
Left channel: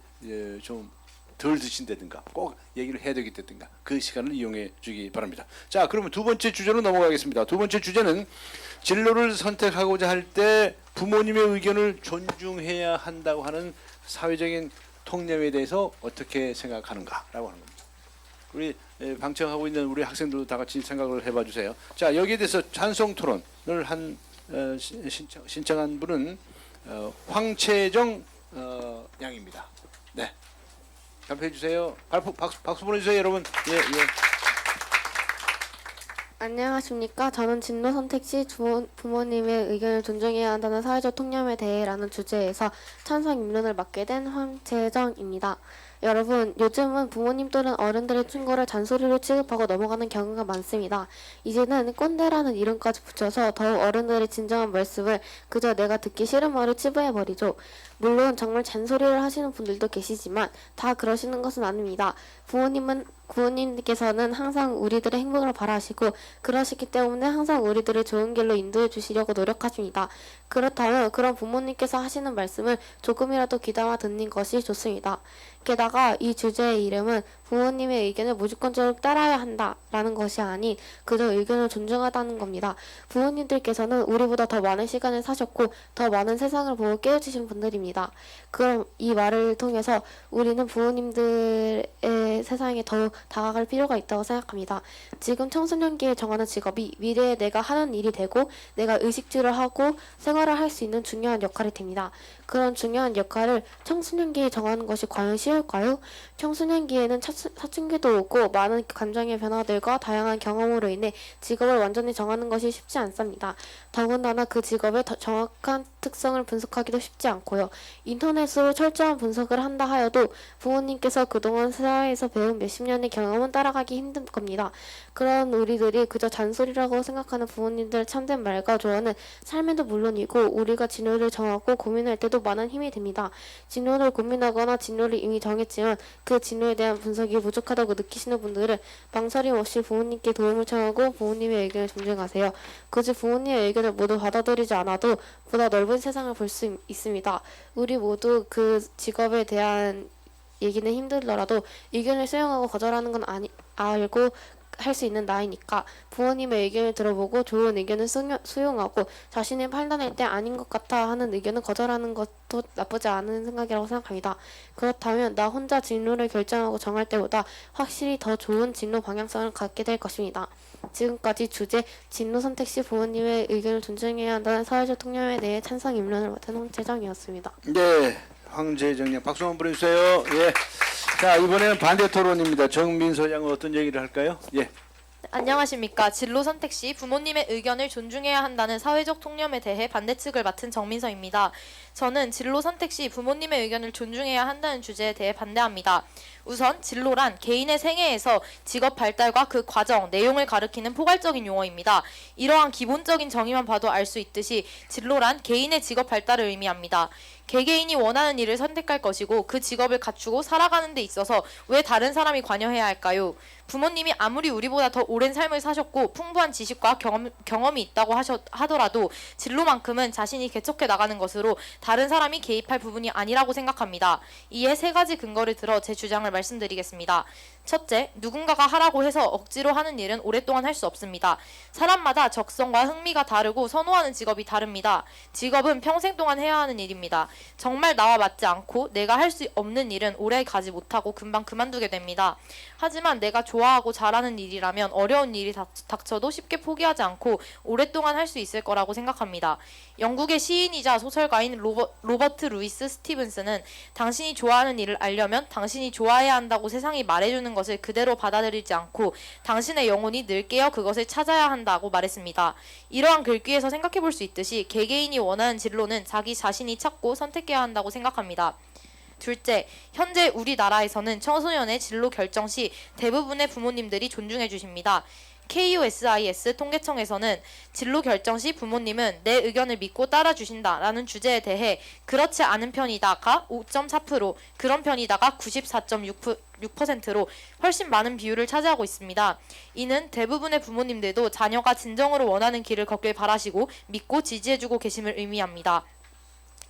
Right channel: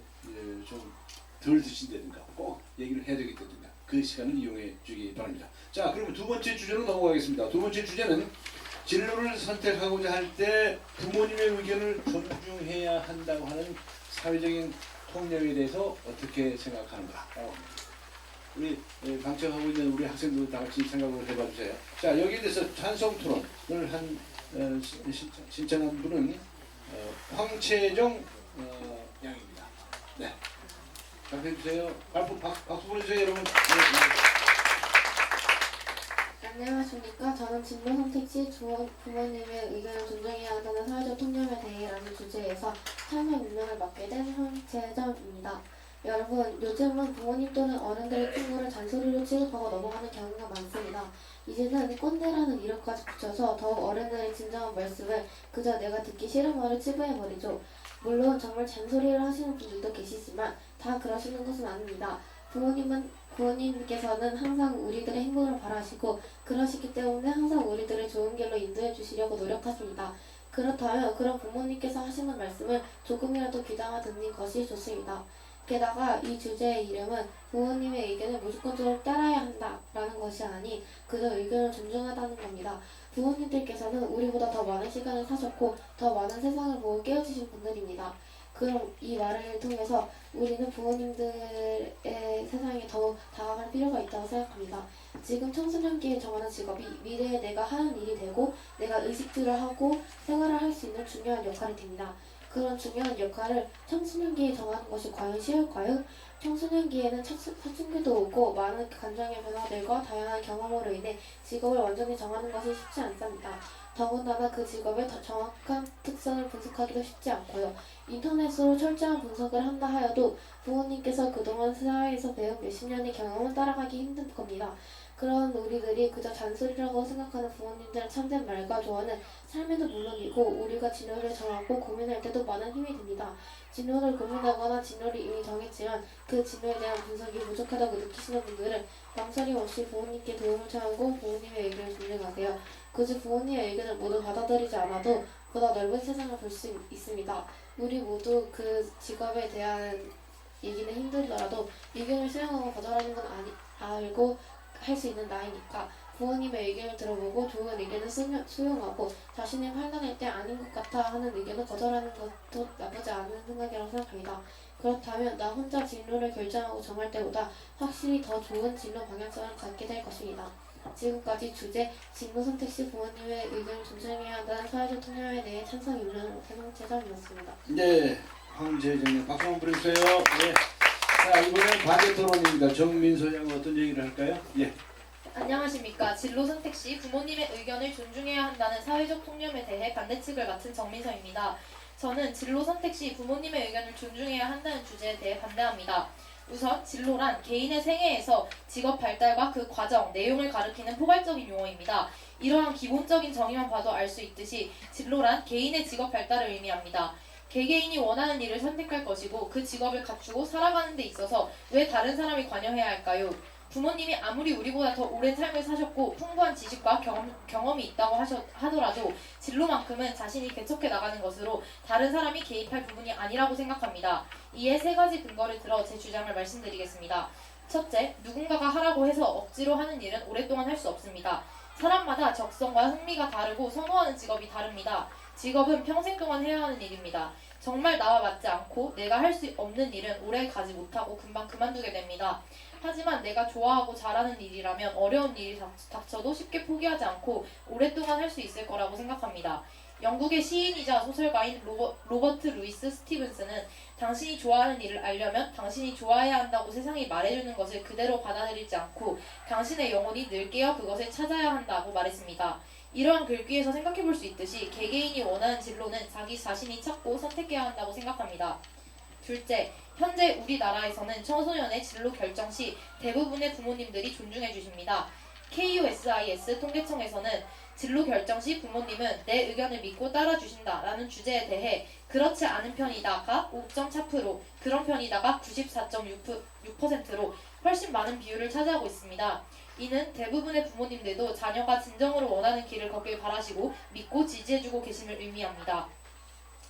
좀 덜 드신다든가 꼭 얘기를 해야 되겠다든가 그 시간을 이용해 주기 바랍니다. 자, 그러면 두 번째 주제로 넘어가겠습니다. 두 번째 주제는 진로를 선택하고자 할 때 부모님의 의견을 존중해야 한다고 하는 사회적인 통념에 대해서 어떻게 생각하는가라고 합니다. 우리 방청하고 있는 우리 학생들도 다 같이 생각을 해봐 주세요. 자, 여기에 대해서 찬성 토론을 신청한 분은 황채정 양입니다. 네, 답해 주세요. 박수 보내주세요, 여러분. 예, 예. 안녕하십니까. 저는 진로 선택 시 부모님의 의견을 존중해야 한다는 사회적 통념에 대해라는 주제에서 찬성 입론을 맡게 된 황재정입니다. 여러분, 요즘은 부모님 또는 어른들의 충고를 잔소리로 취급하고 넘어가는 경우가 많습니다. 이제는 꼰대라는 이름까지 붙여서 더욱 어른들의 진정한 말씀을 그저 내가 듣기 싫은 말로 치부해버리죠. 물론 정말 잔소리를 하시는 분들도 계시지만 다 그러시는 것은 아닙니다. 부모님께서는 항상 우리들의 행복을 바라시고 그러시기 때문에 항상 우리들을 좋은 길로 인도해 주시려고 노력하십니다. 그렇다면 그런 부모님께서 하시는 말씀을 조금이라도 귀담아 듣는 것이 좋습니다. 게다가 이 주제의 이름은 부모님의 의견을 무조건적으로 따라야 한다라는 것이 아니 그저 의견을 존중하다는 겁니다. 부모님들께서는 우리보다 더 많은 시간을 사셨고 더 많은 세상을 보고 깨어지신 분들입니다. 그럼 이 말을 통해서 우리는 부모님들의 세상에 더욱 다가갈 필요가 있다고 생각합니다. 지금 청소년기에 정하는 직업이 미래에 내가 하는 일이 되고 내가 의식주를 하고 생활을 할 수 있는 중요한 역할이 됩니다. 그런 중요한 역할을 청소년기에 정하는 것이 과연 쉬울까요? 청소년기에는 사춘기도 오고 많은 감정의 변화들과 다양한 경험으로 인해 직업을 완전히 정하는 것이 쉽지 않습니다. 더군다나 그 직업의 더 정확한 특성을 분석하기도 쉽지 않고요. 인터넷으로 철저한 분석을 한다 하여도 부모님께서 그동안 사회에서 배운 몇십 년의 경험은 따라가기 힘든 겁니다. 그런 우리들이 그저 잔소리라고 생각하는 부모님들의 참된 말과 조언은 삶에도 물론이고 우리가 진로를 정하고 고민할 때도 많은 힘이 됩니다. 진로를 고민하거나 진로를 이미 정했지만 그 진로에 대한 분석이 부족하다고 느끼시는 분들은 망설임 없이 부모님께 도움을 청하고 부모님의 의견을 존중하세요. 굳이 부모님의 의견을 모두 받아들이지 않아도 보다 넓은 세상을 볼 수 있습니다. 우리 모두 그 직업에 대한 얘기는 힘들더라도 의견을 수용하고 거절하는 건 알고 할 수 있는 나이니까 부모님의 의견을 들어보고 좋은 의견을 수용하고 자신의 판단할 때 아닌 것 같아 하는 의견을 거절하는 것도 나쁘지 않은 생각이라고 생각합니다. 그렇다면 나 혼자 진로를 결정하고 정할 때보다 확실히 더 좋은 진로 방향성을 갖게 될 것입니다. 지금까지 주제 진로 선택 시 부모님의 의견을 존중해야 한다는 사회적 통념에 대해 찬성 입론을 맡은 황재정이었습니다. 네, 황재정님 박수 한번 보내주세요. 예. 자, 이번에는 반대 토론입니다. 정민서 양은 어떤 얘기를 할까요? 예. 안녕하십니까. 진로 선택 시 부모님의 의견을 존중해야 한다는 사회적 통념에 대해 반대측을 맡은 정민서입니다. 저는 진로 선택 시 부모님의 의견을 존중해야 한다는 주제에 대해 반대합니다. 우선 진로란 개인의 생애에서 직업 발달과 그 과정, 내용을 가리키는 포괄적인 용어입니다. 이러한 기본적인 정의만 봐도 알 수 있듯이 진로란 개인의 직업 발달을 의미합니다. 개개인이 원하는 일을 선택할 것이고 그 직업을 갖추고 살아가는 데 있어서 왜 다른 사람이 관여해야 할까요? 부모님이 아무리 우리보다 더 오랜 삶을 사셨고 풍부한 지식과 경험이 있다고 하더라도 진로만큼은 자신이 개척해 나가는 것으로 다른 사람이 개입할 부분이 아니라고 생각합니다. 이에 세 가지 근거를 들어 제 주장을 말씀드리겠습니다. 첫째, 누군가가 하라고 해서 억지로 하는 일은 오랫동안 할 수 없습니다. 사람마다 적성과 흥미가 다르고 선호하는 직업이 다릅니다. 직업은 평생 동안 해야 하는 일입니다. 정말 나와 맞지 않고 내가 할 수 없는 일은 오래 가지 못하고 금방 그만두게 됩니다. 하지만 내가 좋아하고 잘하는 일이라면 어려운 일이 닥쳐도 쉽게 포기하지 않고 오랫동안 할 수 있을 거라고 생각합니다. 영국의 시인이자 소설가인 로버트 루이스 스티븐스는 당신이 좋아하는 일을 알려면 당신이 좋아해야 한다고 세상이 말해주는 것을 그대로 받아들이지 않고 당신의 영혼이 늘 깨어 그것을 찾아야 한다고 말했습니다. 이러한 글귀에서 생각해볼 수 있듯이 개개인이 원하는 진로는 자기 자신이 찾고 선택해야 한다고 생각합니다. 둘째, 현재 우리나라에서는 청소년의 진로 결정 시 대부분의 부모님들이 존중해 주십니다. KUSIS 통계청에서는 진로 결정 시 부모님은 내 의견을 믿고 따라주신다 라는 주제에 대해 그렇지 않은 편이다가 5.4%, 그런 편이다가 94.6%로 훨씬 많은 비율을 차지하고 있습니다. 이는 대부분의 부모님들도 자녀가 진정으로 원하는 길을 걷길 바라시고 믿고 지지해주고 계심을 의미합니다.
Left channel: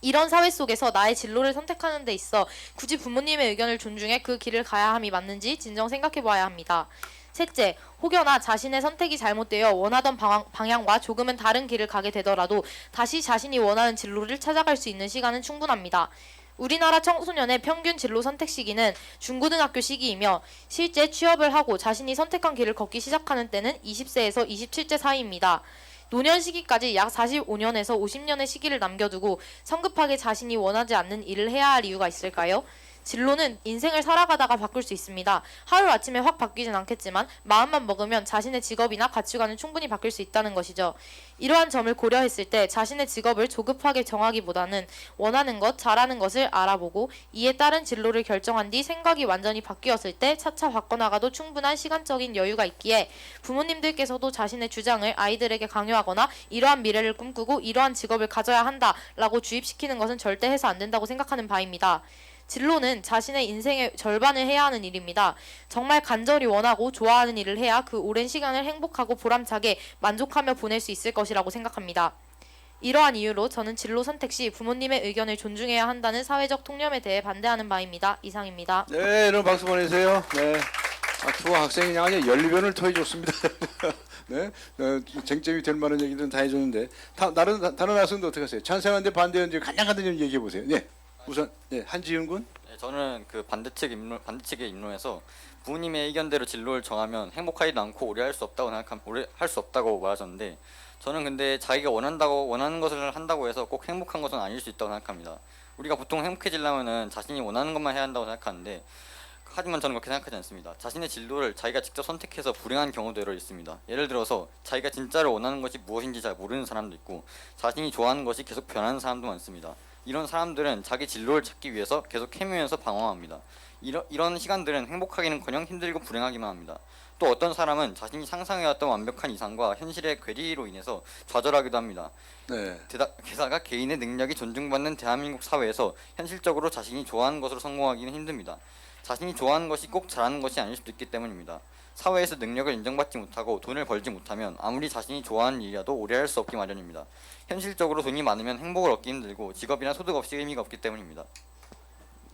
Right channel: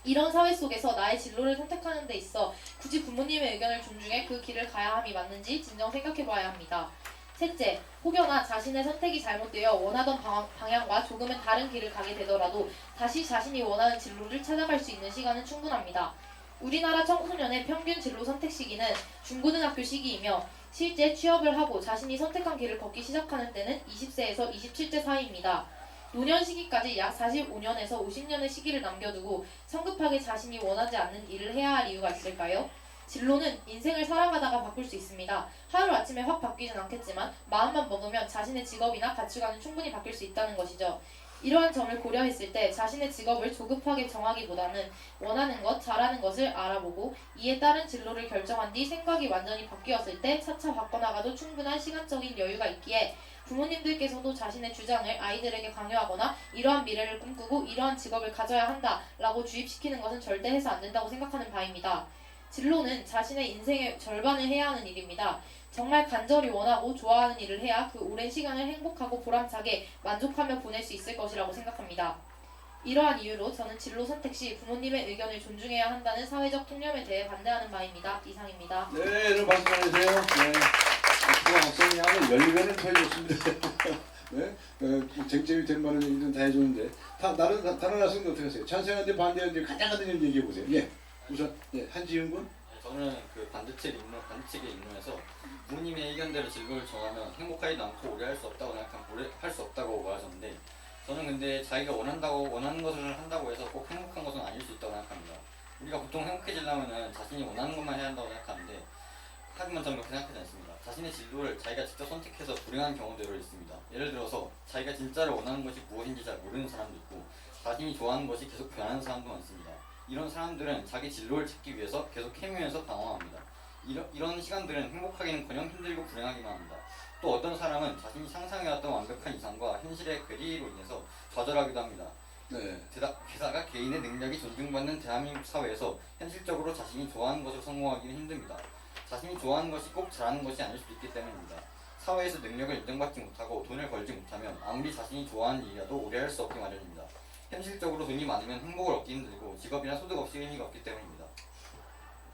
이런 사회 속에서 나의 진로를 선택하는 데 있어 굳이 부모님의 의견을 존중해 그 길을 가야 함이 맞는지 진정 생각해봐야 합니다. 셋째, 혹여나 자신의 선택이 잘못되어 원하던 방향과 조금은 다른 길을 가게 되더라도 다시 자신이 원하는 진로를 찾아갈 수 있는 시간은 충분합니다. 우리나라 청소년의 평균 진로 선택 시기는 중고등학교 시기이며 실제 취업을 하고 자신이 선택한 길을 걷기 시작하는 때는 20세에서 27세 사이입니다. 노년 시기까지 약 45년에서 50년의 시기를 남겨두고 성급하게 자신이 원하지 않는 일을 해야 할 이유가 있을까요? 진로는 인생을 살아가다가 바꿀 수 있습니다. 하루아침에 확 바뀌진 않겠지만 마음만 먹으면 자신의 직업이나 가치관은 충분히 바뀔 수 있다는 것이죠. 이러한 점을 고려했을 때 자신의 직업을 조급하게 정하기보다는 원하는 것, 잘하는 것을 알아보고 이에 따른 진로를 결정한 뒤 생각이 완전히 바뀌었을 때 차차 바꿔나가도 충분한 시간적인 여유가 있기에 부모님들께서도 자신의 주장을 아이들에게 강요하거나 이러한 미래를 꿈꾸고 이러한 직업을 가져야 한다라고 주입시키는 것은 절대 해서 안 된다고 생각하는 바입니다. 진로는 자신의 인생의 절반을 해야 하는 일입니다. 정말 간절히 원하고 좋아하는 일을 해야 그 오랜 시간을 행복하고 보람차게 만족하며 보낼 수 있을 것이라고 생각합니다. 이러한 이유로 저는 진로 선택 시 부모님의 의견을 존중해야 한다는 사회적 통념에 대해 반대하는 바입니다. 이상입니다. 네, 여러분 박수 보내주세요. 네. 앞으로 학생이 양의 열변을 토해줬습니다. 네, 쟁점이 될 만한 얘기들은 다 해줬는데 다른 학생도 어떻게 하세요? 찬성하는데 반대하는지 간략하게 좀 얘기해 보세요. 예, 우선 한지윤 군. 네, 저는 그 반대측의 인론에서 부모님의 의견대로 진로를 정하면 행복하지도 않고 오래 할 수 없다고 오래 할 수 없다고 말하셨는데 저는 근데 자기가 원하는 것을 한다고 해서 꼭 행복한 것은 아닐 수 있다고 생각합니다. 우리가 보통 행복해지려면은 자신이 원하는 것만 해야 한다고 생각하는데 하지만 저는 그렇게 생각하지 않습니다. 자신의 진로를 자기가 직접 선택해서 불행한 경우도 여러 있습니다. 예를 들어서 자기가 진짜로 원하는 것이 무엇인지 잘 모르는 사람도 있고 자신이 좋아하는 것이 계속 변하는 사람도 많습니다. 이런 사람들은 자기 진로를 찾기 위해서 계속 헤매면서 방황합니다. 이런 시간들은 행복하기는커녕 힘들고 불행하기만 합니다. 또 어떤 사람은 자신이 상상해왔던 완벽한 이상과 현실의 괴리로 인해서 좌절하기도 합니다. 네. 게다가 개인의 능력이 존중받는 대한민국 사회에서 현실적으로 자신이 좋아하는 것으로 성공하기는 힘듭니다. 자신이 좋아하는 것이 꼭 잘하는 것이 아닐 수도 있기 때문입니다. 사회에서 능력을 인정받지 못하고 돈을 벌지 못하면 아무리 자신이 좋아하는 일이라도 오래 할 수 없기 마련입니다. 현실적으로 돈이 많으면 행복을 얻기 힘들고 직업이나 소득 없이 의미가 없기 때문입니다.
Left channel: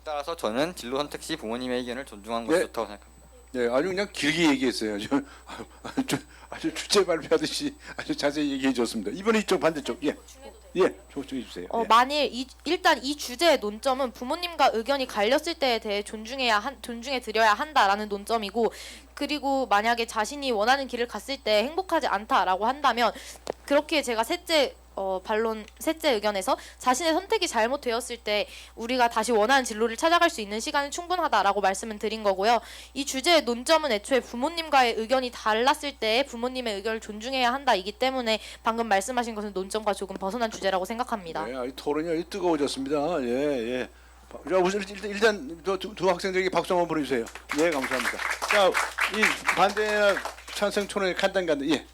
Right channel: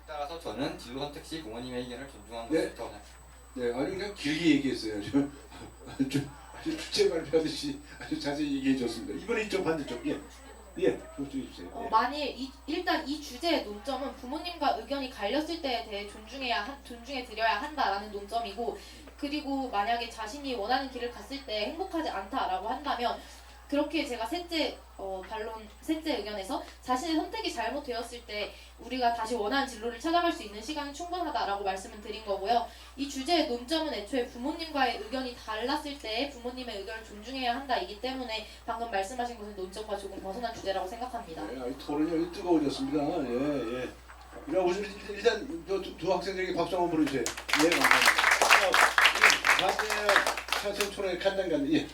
따라서 저는 진로 선택 시 부모님의 의견을 존중하는 것이 좋다고 생각합니다. 네, 아주 그냥 길게 얘기했어요. 아주 주제 발표하듯이 아주 자세히 얘기해 줬습니다. 이번에 이쪽 반대쪽. 예, 저쪽 주세요. 만일 일단 이 주제의 논점은 부모님과 의견이 갈렸을 때에 대해 존중해 드려야 한다라는 논점이고 그리고 만약에 자신이 원하는 길을 갔을 때 행복하지 않다라고 한다면 그렇게 제가 셋째 의견에서 자신의 선택이 잘못되었을 때 우리가 다시 원하는 진로를 찾아갈 수 있는 시간이 충분하다라고 말씀을 드린 거고요. 이 주제의 논점은 애초에 부모님과의 의견이 달랐을 때 부모님의 의견을 존중해야 한다이기 때문에 방금 말씀하신 것은 논점과 조금 벗어난 주제라고 생각합니다. 네, 토론이 아주 뜨거워졌습니다. 예, 예. 자, 우선 일단 두 학생들에게 박수 한번 보내주세요. 예, 감사합니다. 자, 이 반대 찬성 토론의 간단. 예.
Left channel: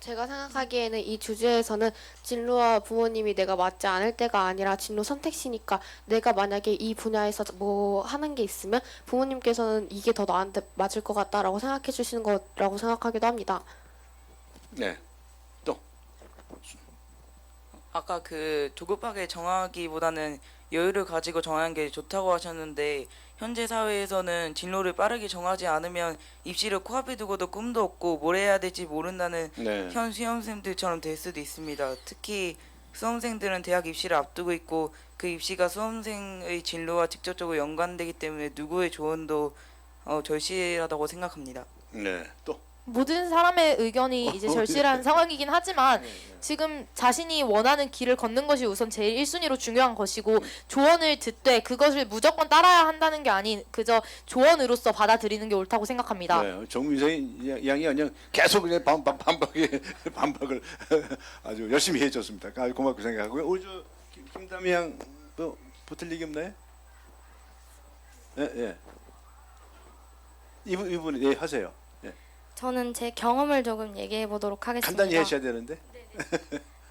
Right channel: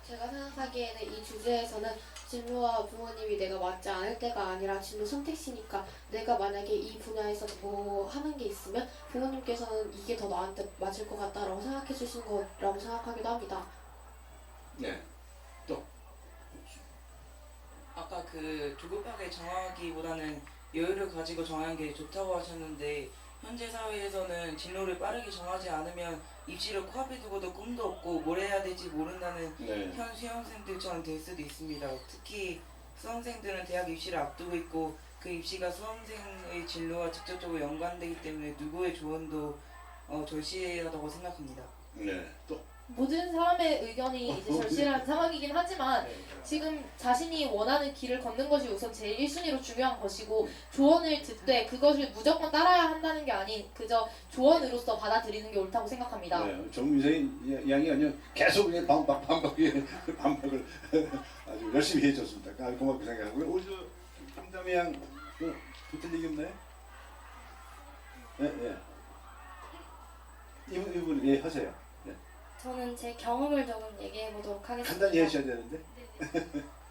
제가 생각하기에는 이 주제에서는 진로와 부모님이 내가 맞지 않을 때가 아니라 진로 선택시니까 내가 만약에 이 분야에서 뭐 하는 게 있으면 부모님께서는 이게 더 나한테 맞을 것 같다라고 생각해 주시는 거라고 생각하기도 합니다. 네. 또. 아까 그 조급하게 정하기보다는 여유를 가지고 정하는 게 좋다고 하셨는데 현재 사회에서는 진로를 빠르게 정하지 않으면 입시를 코앞에 두고도 꿈도 없고 뭘 해야 될지 모른다는 네. 현 수험생들처럼 될 수도 있습니다. 특히 수험생들은 대학 입시를 앞두고 있고 그 입시가 수험생의 진로와 직접적으로 연관되기 때문에 누구의 조언도 절실하다고 생각합니다. 네. 또. 모든 사람의 의견이 이제 절실한 상황이긴 하지만 지금 자신이 원하는 길을 걷는 것이 우선 제일 1순위로 중요한 것이고 조언을 듣되 그것을 무조건 따라야 한다는 게 아닌 그저 조언으로서 받아들이는 게 옳다고 생각합니다. 네, 정미세 양이 아니라 계속 그냥 반박을 아주 열심히 해줬습니다. 고맙게 생각하고요. 우리 김담희 양도 붙을 얘기 없나요? 예, 예. 이분 예 하세요. 예. 저는 제 경험을 조금 얘기해 보도록 하겠습니다. 간단히 하셔야 되는데.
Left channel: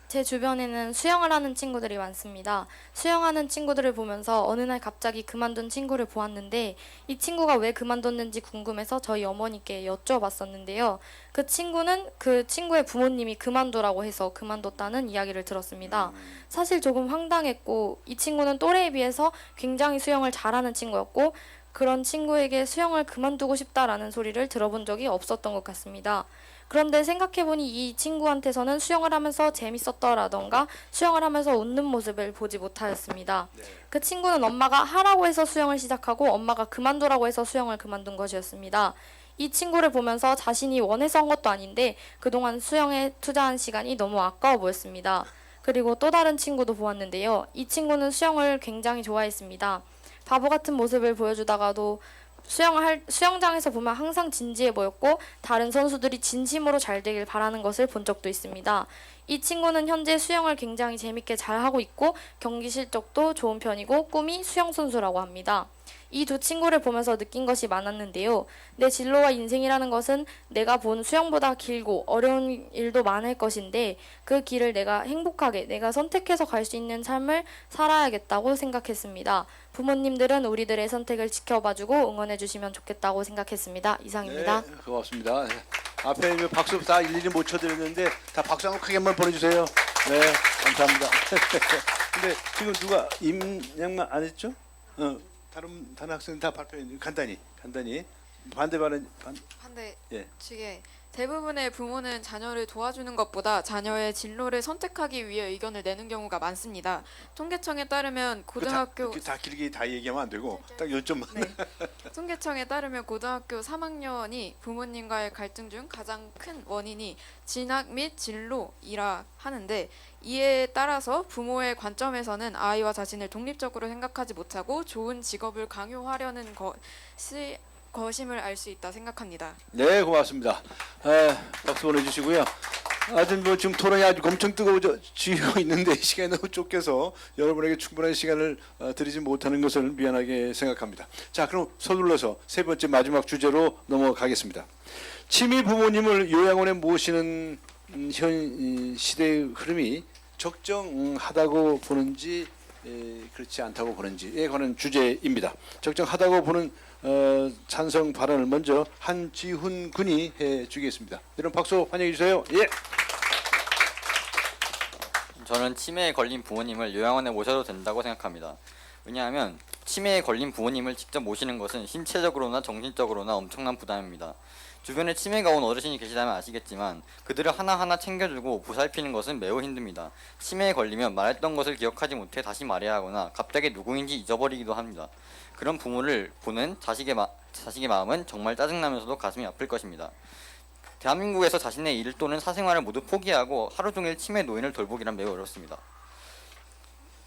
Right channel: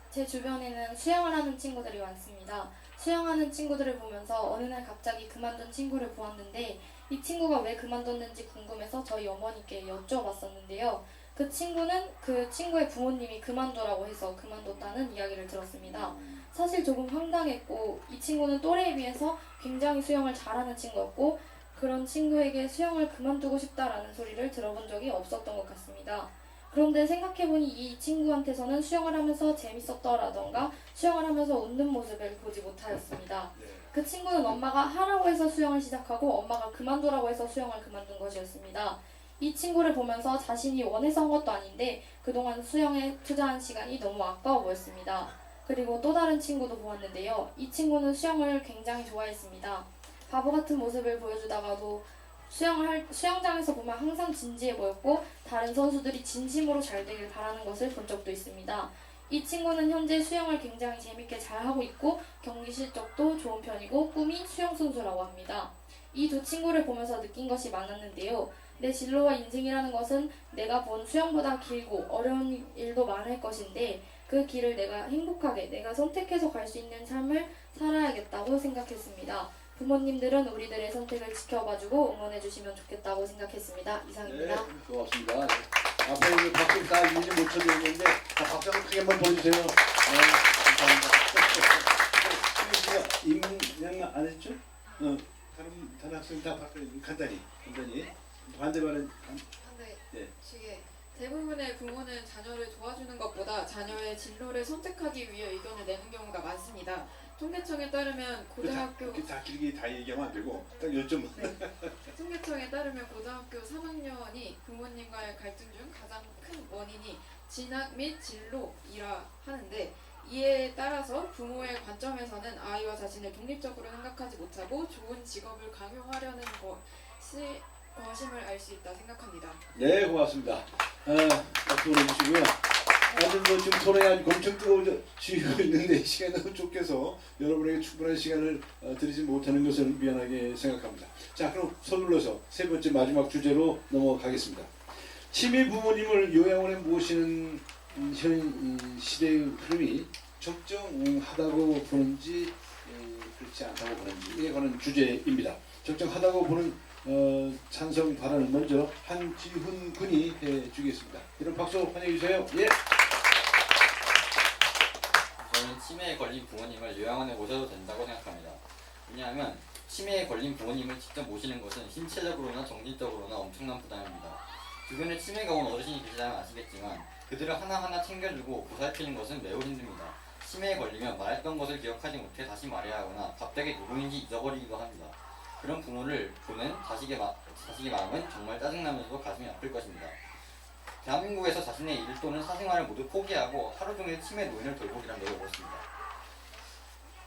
제 주변에는 수영을 하는 친구들이 많습니다. 수영하는 친구들을 보면서 어느 날 갑자기 그만둔 친구를 보았는데 이 친구가 왜 그만뒀는지 궁금해서 저희 어머니께 여쭤봤었는데요. 그 친구는 그 친구의 부모님이 그만두라고 해서 그만뒀다는 이야기를 들었습니다. 사실 조금 황당했고 이 친구는 또래에 비해서 굉장히 수영을 잘하는 친구였고 그런 친구에게 수영을 그만두고 싶다라는 소리를 들어본 적이 없었던 것 같습니다. 그런데 생각해보니 이 친구한테서는 수영을 하면서 재밌었더라던가 수영을 하면서 웃는 모습을 보지 못하였습니다. 그 친구는 엄마가 하라고 해서 수영을 시작하고 엄마가 그만두라고 해서 수영을 그만둔 것이었습니다. 이 친구를 보면서 자신이 원해서 한 것도 아닌데 그동안 수영에 투자한 시간이 너무 아까워 보였습니다. 그리고 또 다른 친구도 보았는데요. 이 친구는 수영을 굉장히 좋아했습니다. 바보 같은 모습을 보여주다가도 수영장에서 보면 항상 진지해 보였고 다른 선수들이 진심으로 잘 되길 바라는 것을 본 적도 있습니다. 이 친구는 현재 수영을 굉장히 재밌게 잘하고 있고 경기 실적도 좋은 편이고 꿈이 수영 선수라고 합니다. 이 두 친구를 보면서 느낀 것이 많았는데요. 내 진로와 인생이라는 것은 내가 본 수영보다 길고 어려운 일도 많을 것인데 그 길을 내가 행복하게 내가 선택해서 갈 수 있는 삶을 살아야겠다고 생각했습니다. 부모님들은 우리들의 선택을 지켜봐주고 응원해주시면 좋겠다고 생각했습니다. 이상입니다. 네, 고맙습니다. 앞에 있는 박수 다 일일이 못 쳐드렸는데 다 박수 한번 크게 한번 보내주세요. 네, 감사합니다. 근데 지금 누가 임양만 안 했죠? 다른 학생 다 발표했는데 간단히 반대 예. 측에 대부분의 부모는 자녀를 도와주는 것보다 자녀의 진로를 선택하기 위해 의견을 내는 경우가 많습니다. 통계청에 따르면 고등학교 다 길게 다 얘기하면 안 되고 딱 요점만. 통계청에 따르면 고등학교 3학년이 부모님과의 갈등 중 가장 큰 원인이 진학 및 진로이라 하는데 이에 따라서 부모의 관점에서는 아이와 자신을 독립적으로 생각하지 못하고 좋은 직업을 강요하려는 것임을 알 수 있다 생각합니다. 네, 고맙습니다. 박수 보내주시고요. 아주 지금 토론이 아주 엄청 뜨거워지고 있는데 시간이 너무 쫓겨서 여러분에게 충분한 시간을 드리지 못하는 것을 미안하게 생각합니다. 자, 그럼 서둘러서 세 번째 마지막 주제로 넘어가겠습니다. 취미 부모님을 요양원에 모시는 현 시대의 흐름이 적정하다고 보는지 그렇지 않다고 보는지에 관한 주제입니다. 적정하다고 보는 찬성 발언을 먼저 한지훈 군이 해주겠습니다. 여러분 박수 환영해 주세요. 예. 저는 치매에 걸린 부모님을 요양원에 모셔도 된다고 생각합니다. 왜냐하면 치매에 걸린 부모님을 직접 모시는 것은 신체적으로나 정신적으로나 엄청난 부담입니다. 주변에 치매가 온 어르신이 계시다면 아시겠지만 그들을 하나하나 챙겨주고 보살피는 것은 매우 힘듭니다. 치매에 걸리면 말했던 것을 기억하지 못해 다시 말해야 하거나 갑자기 누구인지 잊어버리기도 합니다. 그런 부모를 보는 자식의 마음은 정말 짜증나면서도 가슴이 아플 것입니다. 대한민국에서 자신의 일 또는 사생활을 모두 포기하고 하루 종일 치매 노인을 돌보기란 매우 어렵습니다.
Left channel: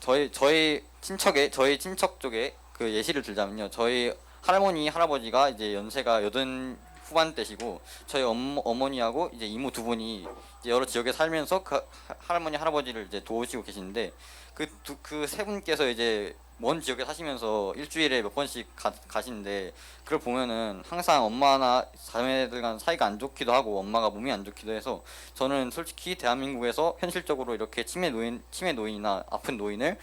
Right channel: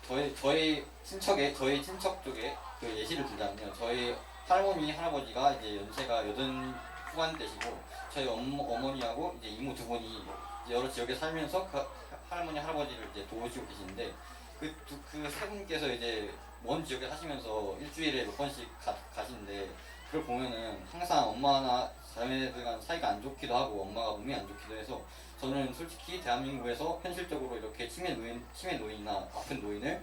저희 친척 쪽에 그 예시를 들자면요. 저희 할머니 할아버지가 이제 연세가 80 후반대시고 저희 어머니하고 이제 이모 두 분이 이제 여러 지역에 살면서 그 할머니 할아버지를 이제 도우시고 계시는데 그 세 분께서 이제 먼 지역에 사시면서 일주일에 몇 번씩 가시는데 그걸 보면은 항상 엄마나 자매들 간 사이가 안 좋기도 하고 엄마가 몸이 안 좋기도 해서 저는 솔직히 대한민국에서 현실적으로 이렇게 치매 노인이나 아픈 노인을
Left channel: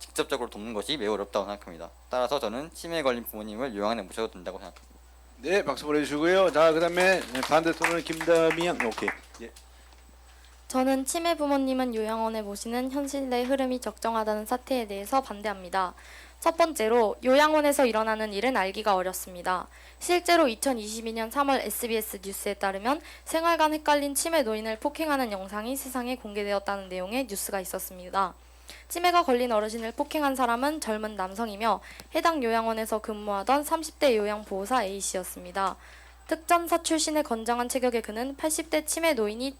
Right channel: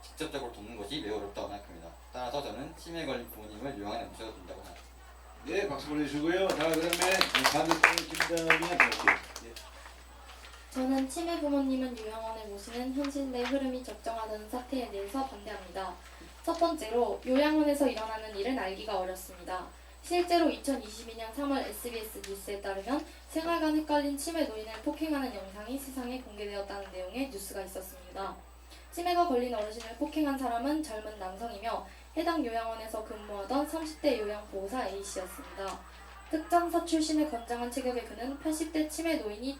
직접적으로 돕는 것이 매우 어렵다고 생각합니다. 따라서 저는 치매에 걸린 부모님을 요양원에 모셔도 된다고 생각합니다. 네, 박수 보내주시고요. 자, 그다음에 반대쪽은 김다미안. 오케이. 예. 저는 치매 부모님은 요양원에 모시는 현실 내 흐름이 적정하다는 사태에 대해서 반대합니다. 첫 번째로 요양원에서 일어나는 일은 알기가 어렵습니다. 실제로 2022년 3월 SBS 뉴스에 따르면 생활관 헷갈린 치매 노인을 폭행하는 영상이 세상에 공개되었다는 내용의 뉴스가 있었습니다. 치매가 걸린 어르신을 폭행한 사람은 젊은 남성이며 해당 요양원에서 근무하던 30대 요양보호사 A씨였습니다. 특전사 출신의 건장한 체격의 그는 80대 치매 노인이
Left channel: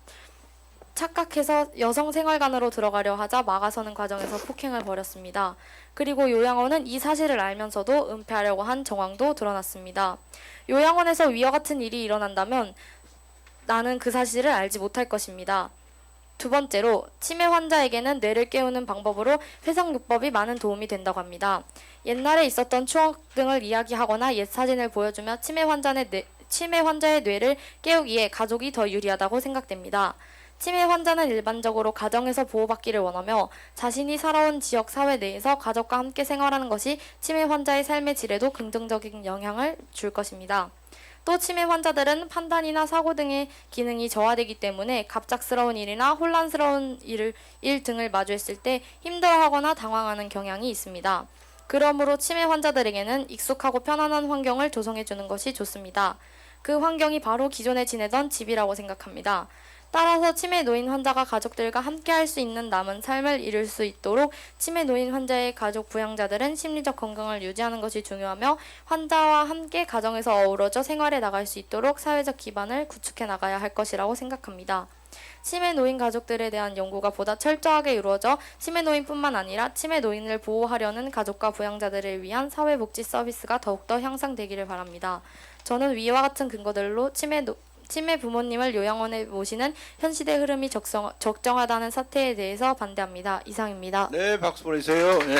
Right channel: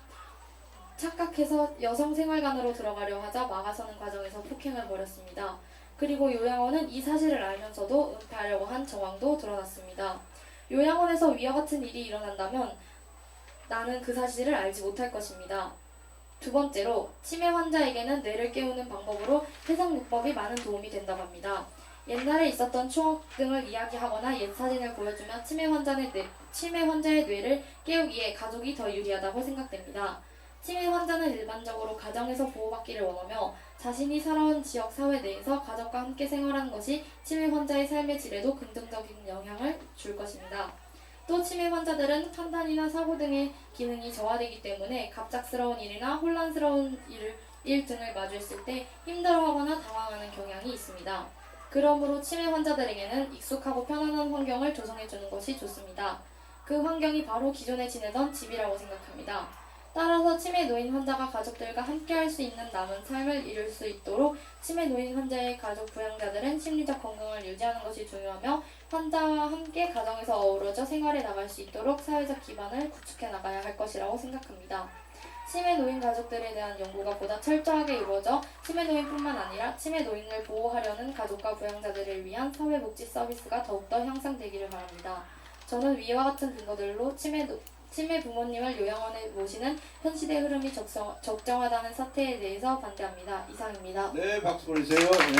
착각해서 여성 생활관으로 들어가려 하자 막아서는 과정에서 폭행을 벌였습니다. 그리고 요양원은 이 사실을 알면서도 은폐하려고 한 정황도 드러났습니다. 요양원에서 위와 같은 일이 일어난다면 나는 그 사실을 알지 못할 것입니다. 두 번째로 치매 환자에게는 뇌를 깨우는 방법으로 회상요법이 많은 도움이 된다고 합니다. 옛날에 있었던 추억 등을 이야기하거나 옛 사진을 보여주며 치매 환자의 뇌를 깨우기에 가족이 더 유리하다고 생각됩니다. 치매 환자는 일반적으로 가정에서 보호받기를 원하며 자신이 살아온 지역 사회 내에서 가족과 함께 생활하는 것이 치매 환자의 삶의 질에도 긍정적인 영향을 줄 것입니다. 또 치매 환자들은 판단이나 사고 등의 기능이 저하되기 때문에 갑작스러운 일이나 혼란스러운 일 등을 마주했을 때 힘들어하거나 당황하는 경향이 있습니다. 그러므로 치매 환자들에게는 익숙하고 편안한 환경을 조성해주는 것이 좋습니다. 그 환경이 바로 기존에 지내던 집이라고 생각합니다. 따라서 치매 노인 환자가 가족들과 함께 할 수 있는 남은 삶을 이룰 수 있도록 치매 노인 환자의 가족 부양자들은 심리적 건강을 유지하는 것이 중요하며 환자와 함께 가정에서 어우러져 생활해 나갈 수 있도록 사회적 기반을 구축해 나가야 할 것이라고 생각합니다. 치매 노인 가족들에 대한 연구가 보다 철저하게 이루어져 치매 노인뿐만 아니라 치매 노인을 보호하려는 가족과 부양자들을 위한 사회복지 서비스가 더욱더 향상되기를 바랍니다. 저는 위와 같은 근거들로 치매 부모님을 요양원에 모시는 현실의 흐름이 적정하다는 사태에 대해서 반대합니다. 이상입니다. 네, 박수 보내주세요. 네.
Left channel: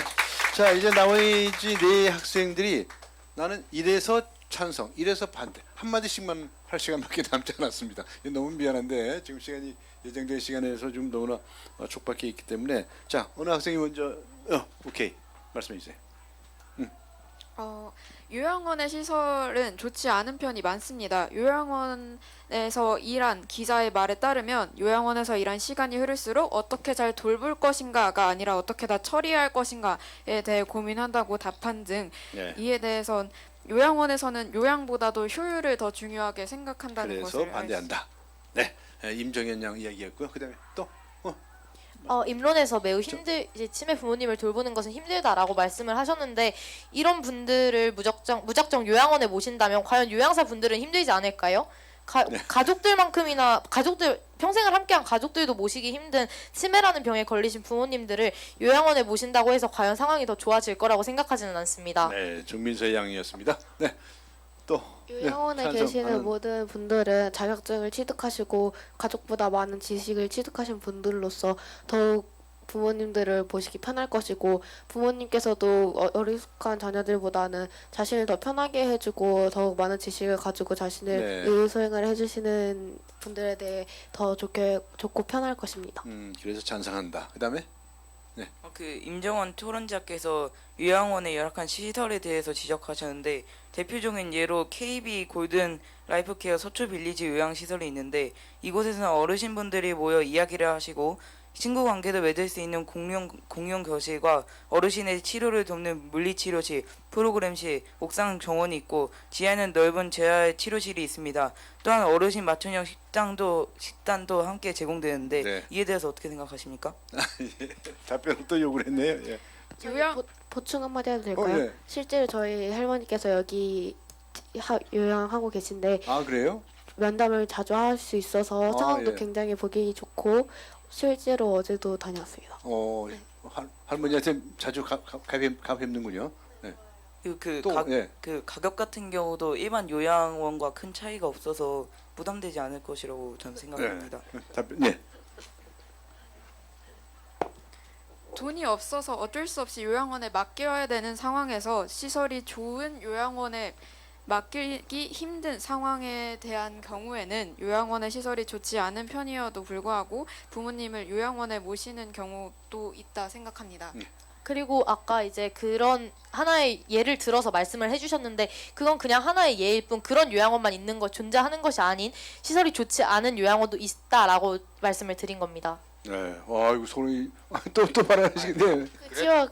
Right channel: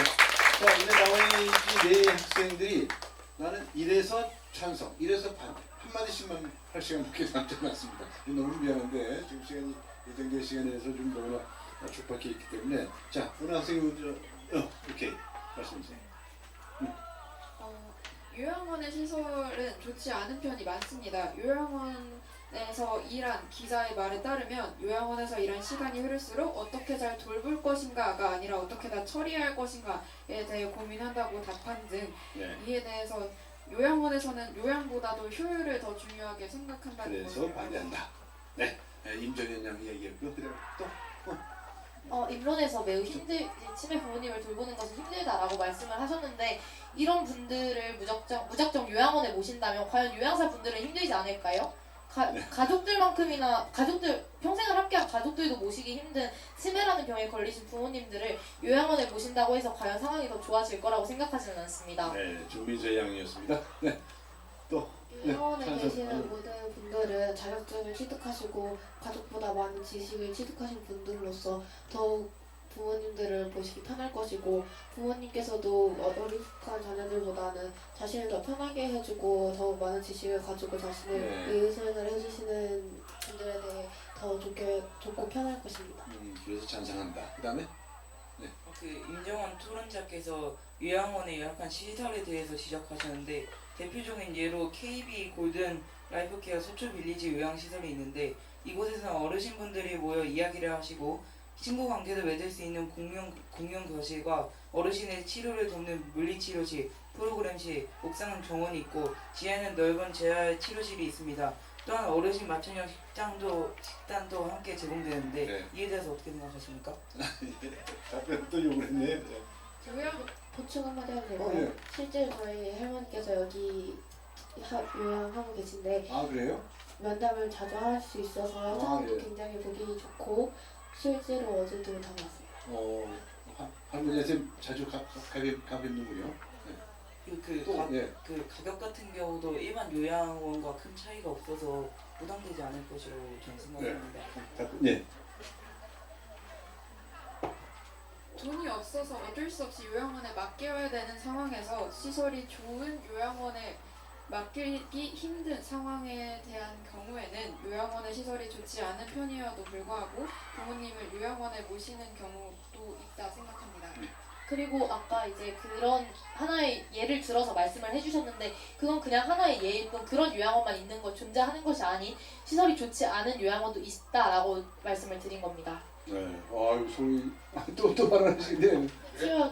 자, 이제 나머지 네 학생들이 나는 이래서 찬성, 이래서 반대 한마디씩만 할 시간밖에 남지 않았습니다. 너무 미안한데 지금 시간이 예정된 시간에서 좀 너무나 촉박해 있기 때문에 자, 어느 학생이 먼저 오케이 말씀해 주세요. 요양원의 시설은 좋지 않은 편이 많습니다. 요양원에서 일한 기자의 말에 따르면 요양원에서 일한 시간이 흐를수록 어떻게 잘 돌볼 것인가가 아니라 어떻게 다 처리할 것인가에 대해 고민한다고 답한 등 이에 대해선 요양원에서는 요양보다도 효율을 더 중요하게 생각한다는 것을 그래서 반대한다. 네, 임정현 양 이야기였고요. 그다음에 또 입론에서 매우 이제 치매 부모님을 돌보는 것은 힘들다라고 말씀을 하셨는데 이런 분들을 무작정 요양원에 모신다면 과연 요양사 분들은 힘들지 않을까요? 가족들만큼이나 평생을 함께한 가족들도 모시기 힘든 치매라는 병에 걸리신 부모님들을 요양원에 모신다고 해서 과연 상황이 더 좋아질 거라고 생각하지는 않습니다. 네, 정민서 양이었습니다. 네, 또 요양원에 계시는 모든 분들은 자격증을 취득하시고 가족보다 많은 지식을 취득하신 분들로서 더욱 부모님들을 보시기 편할 것이고 부모님께서도 어리숙한 자녀들보다는 자신을 더 편하게 해주고 더욱 많은 지식을 가지고 자신을 의료수행을 해주시는 분들에 대해 더 좋고 편할 것입니다. 그래서 찬성한다. 그다음에 그 임정원 토론자께서 요양원의 열악한 시설에 대해서 지적하셨는데 대표적인 예로 KB 골든 라이프케어 서초 빌리지 요양시설이 있는데 이곳에서는 어르신분들이 모여 이야기를 하시고 친구 관계도 맺을 수 있는 공용 교실과 어르신의 치료를 돕는 물리치료실, 프로그램실, 옥상 정원이 있고 지하에는 넓은 재활 치료실이 있습니다. 또한 어르신 맞춤형 식단도 함께 제공되는데 이에 대해서 어떻게 생각하십니까? 답변을 또 요구를 했네요. 요양 보충 한마디 해도 될까요? 네. 실제로 저희 할머니께서 여기 요양하고 계신데 아 그래요? 면담을 자주 할 수 있어서 아, 상황도 예. 굉장히 보기 좋고 실제로 어제도 다녀왔습니다. 할머니한테 자주 가뵙는군요. 네. 그 또 예. 가격 같은 경우도 일반 요양원과 큰 차이가 없어서 부담되지 않을 것이라고 저는 생각합니다. 네. 돈이 없어서 어쩔 수 없이 요양원에 맡겨야 되는 상황에서 시설이 좋은 요양원에 맡기기 힘든 상황에 대한 경우에는 요양원의 시설이 좋지 않은 편이어도 불구하고 부모님을 요양원에 모시는 경우도 있다 생각합니다. 그리고 아까 이제 그런 하나의 예를 들어서 말씀을 해주셨는데 그건 그냥 하나의 예일 뿐 그런 요양원만 있는 것 존재하는 것이 아닌 시설이 좋지 않은 요양원도 있다라고 말씀을 드린 겁니다. 네. 와 이거 소리 또 말하시는데. 그치만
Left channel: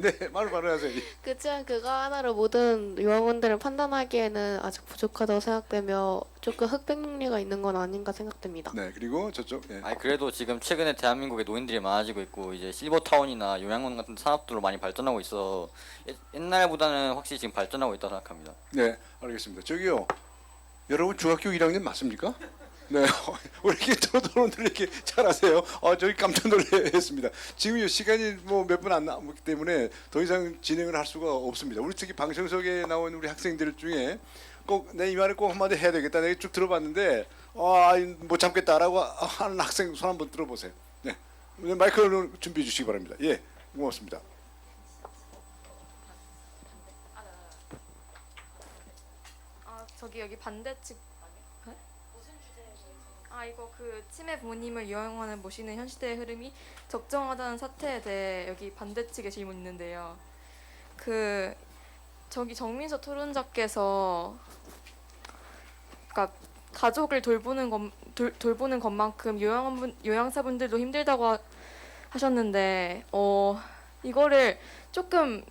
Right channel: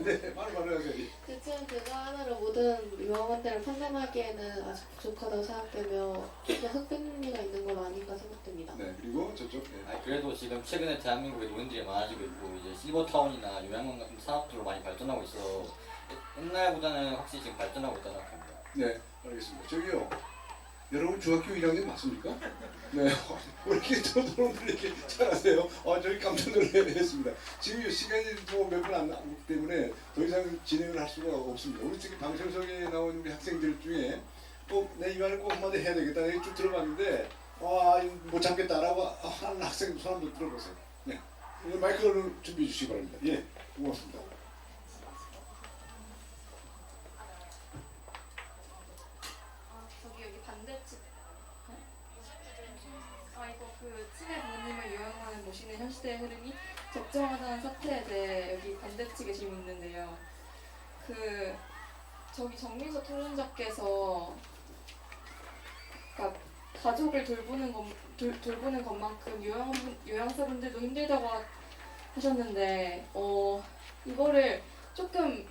네. 말하세요. 그치만 그거 하나로 모든 요양원들을 판단하기에는 아직 부족하다고 생각되며 조금 흑백능력가 있는 건 아닌가 생각됩니다. 네. 그리고 저쪽. 네. 아니 그래도 지금 최근에 대한민국에 노인들이 많아지고 있고 이제 실버타운이나 요양원 같은 산업들로 많이 발전하고 있어 옛날보다는 확실히 지금 발전하고 있다고 생각합니다. 네. 알겠습니다. 저기요. 여러분 중학교 1학년 맞습니까? 네, 왜 이렇게 토론들 이렇게 잘하세요? 저희 깜짝 놀랐습니다. 지금 시간이 뭐 몇 분 안 남았기 때문에 더 이상 진행을 할 수가 없습니다. 우리 특히 방청석에 나오는 우리 학생들 중에 꼭 내 이 말을 꼭 한마디 해야 되겠다. 내가 쭉 들어봤는데 못 참겠다라고 하는 학생 손 한번 들어보세요. 네, 마이크를 준비해 주시기 바랍니다. 예, 고맙습니다. 저기 여기 반대측 이거 그 치매 부모님을 요양원에 모시는 현 시대의 흐름이 적정하다는 사태에 대해 여기 반대측에 질문 있는데요. 그 저기 정민서 토론자께서 그러니까 가족을 돌보는 것만큼 요양사분들도 힘들다고 하셨는데 이거를 조금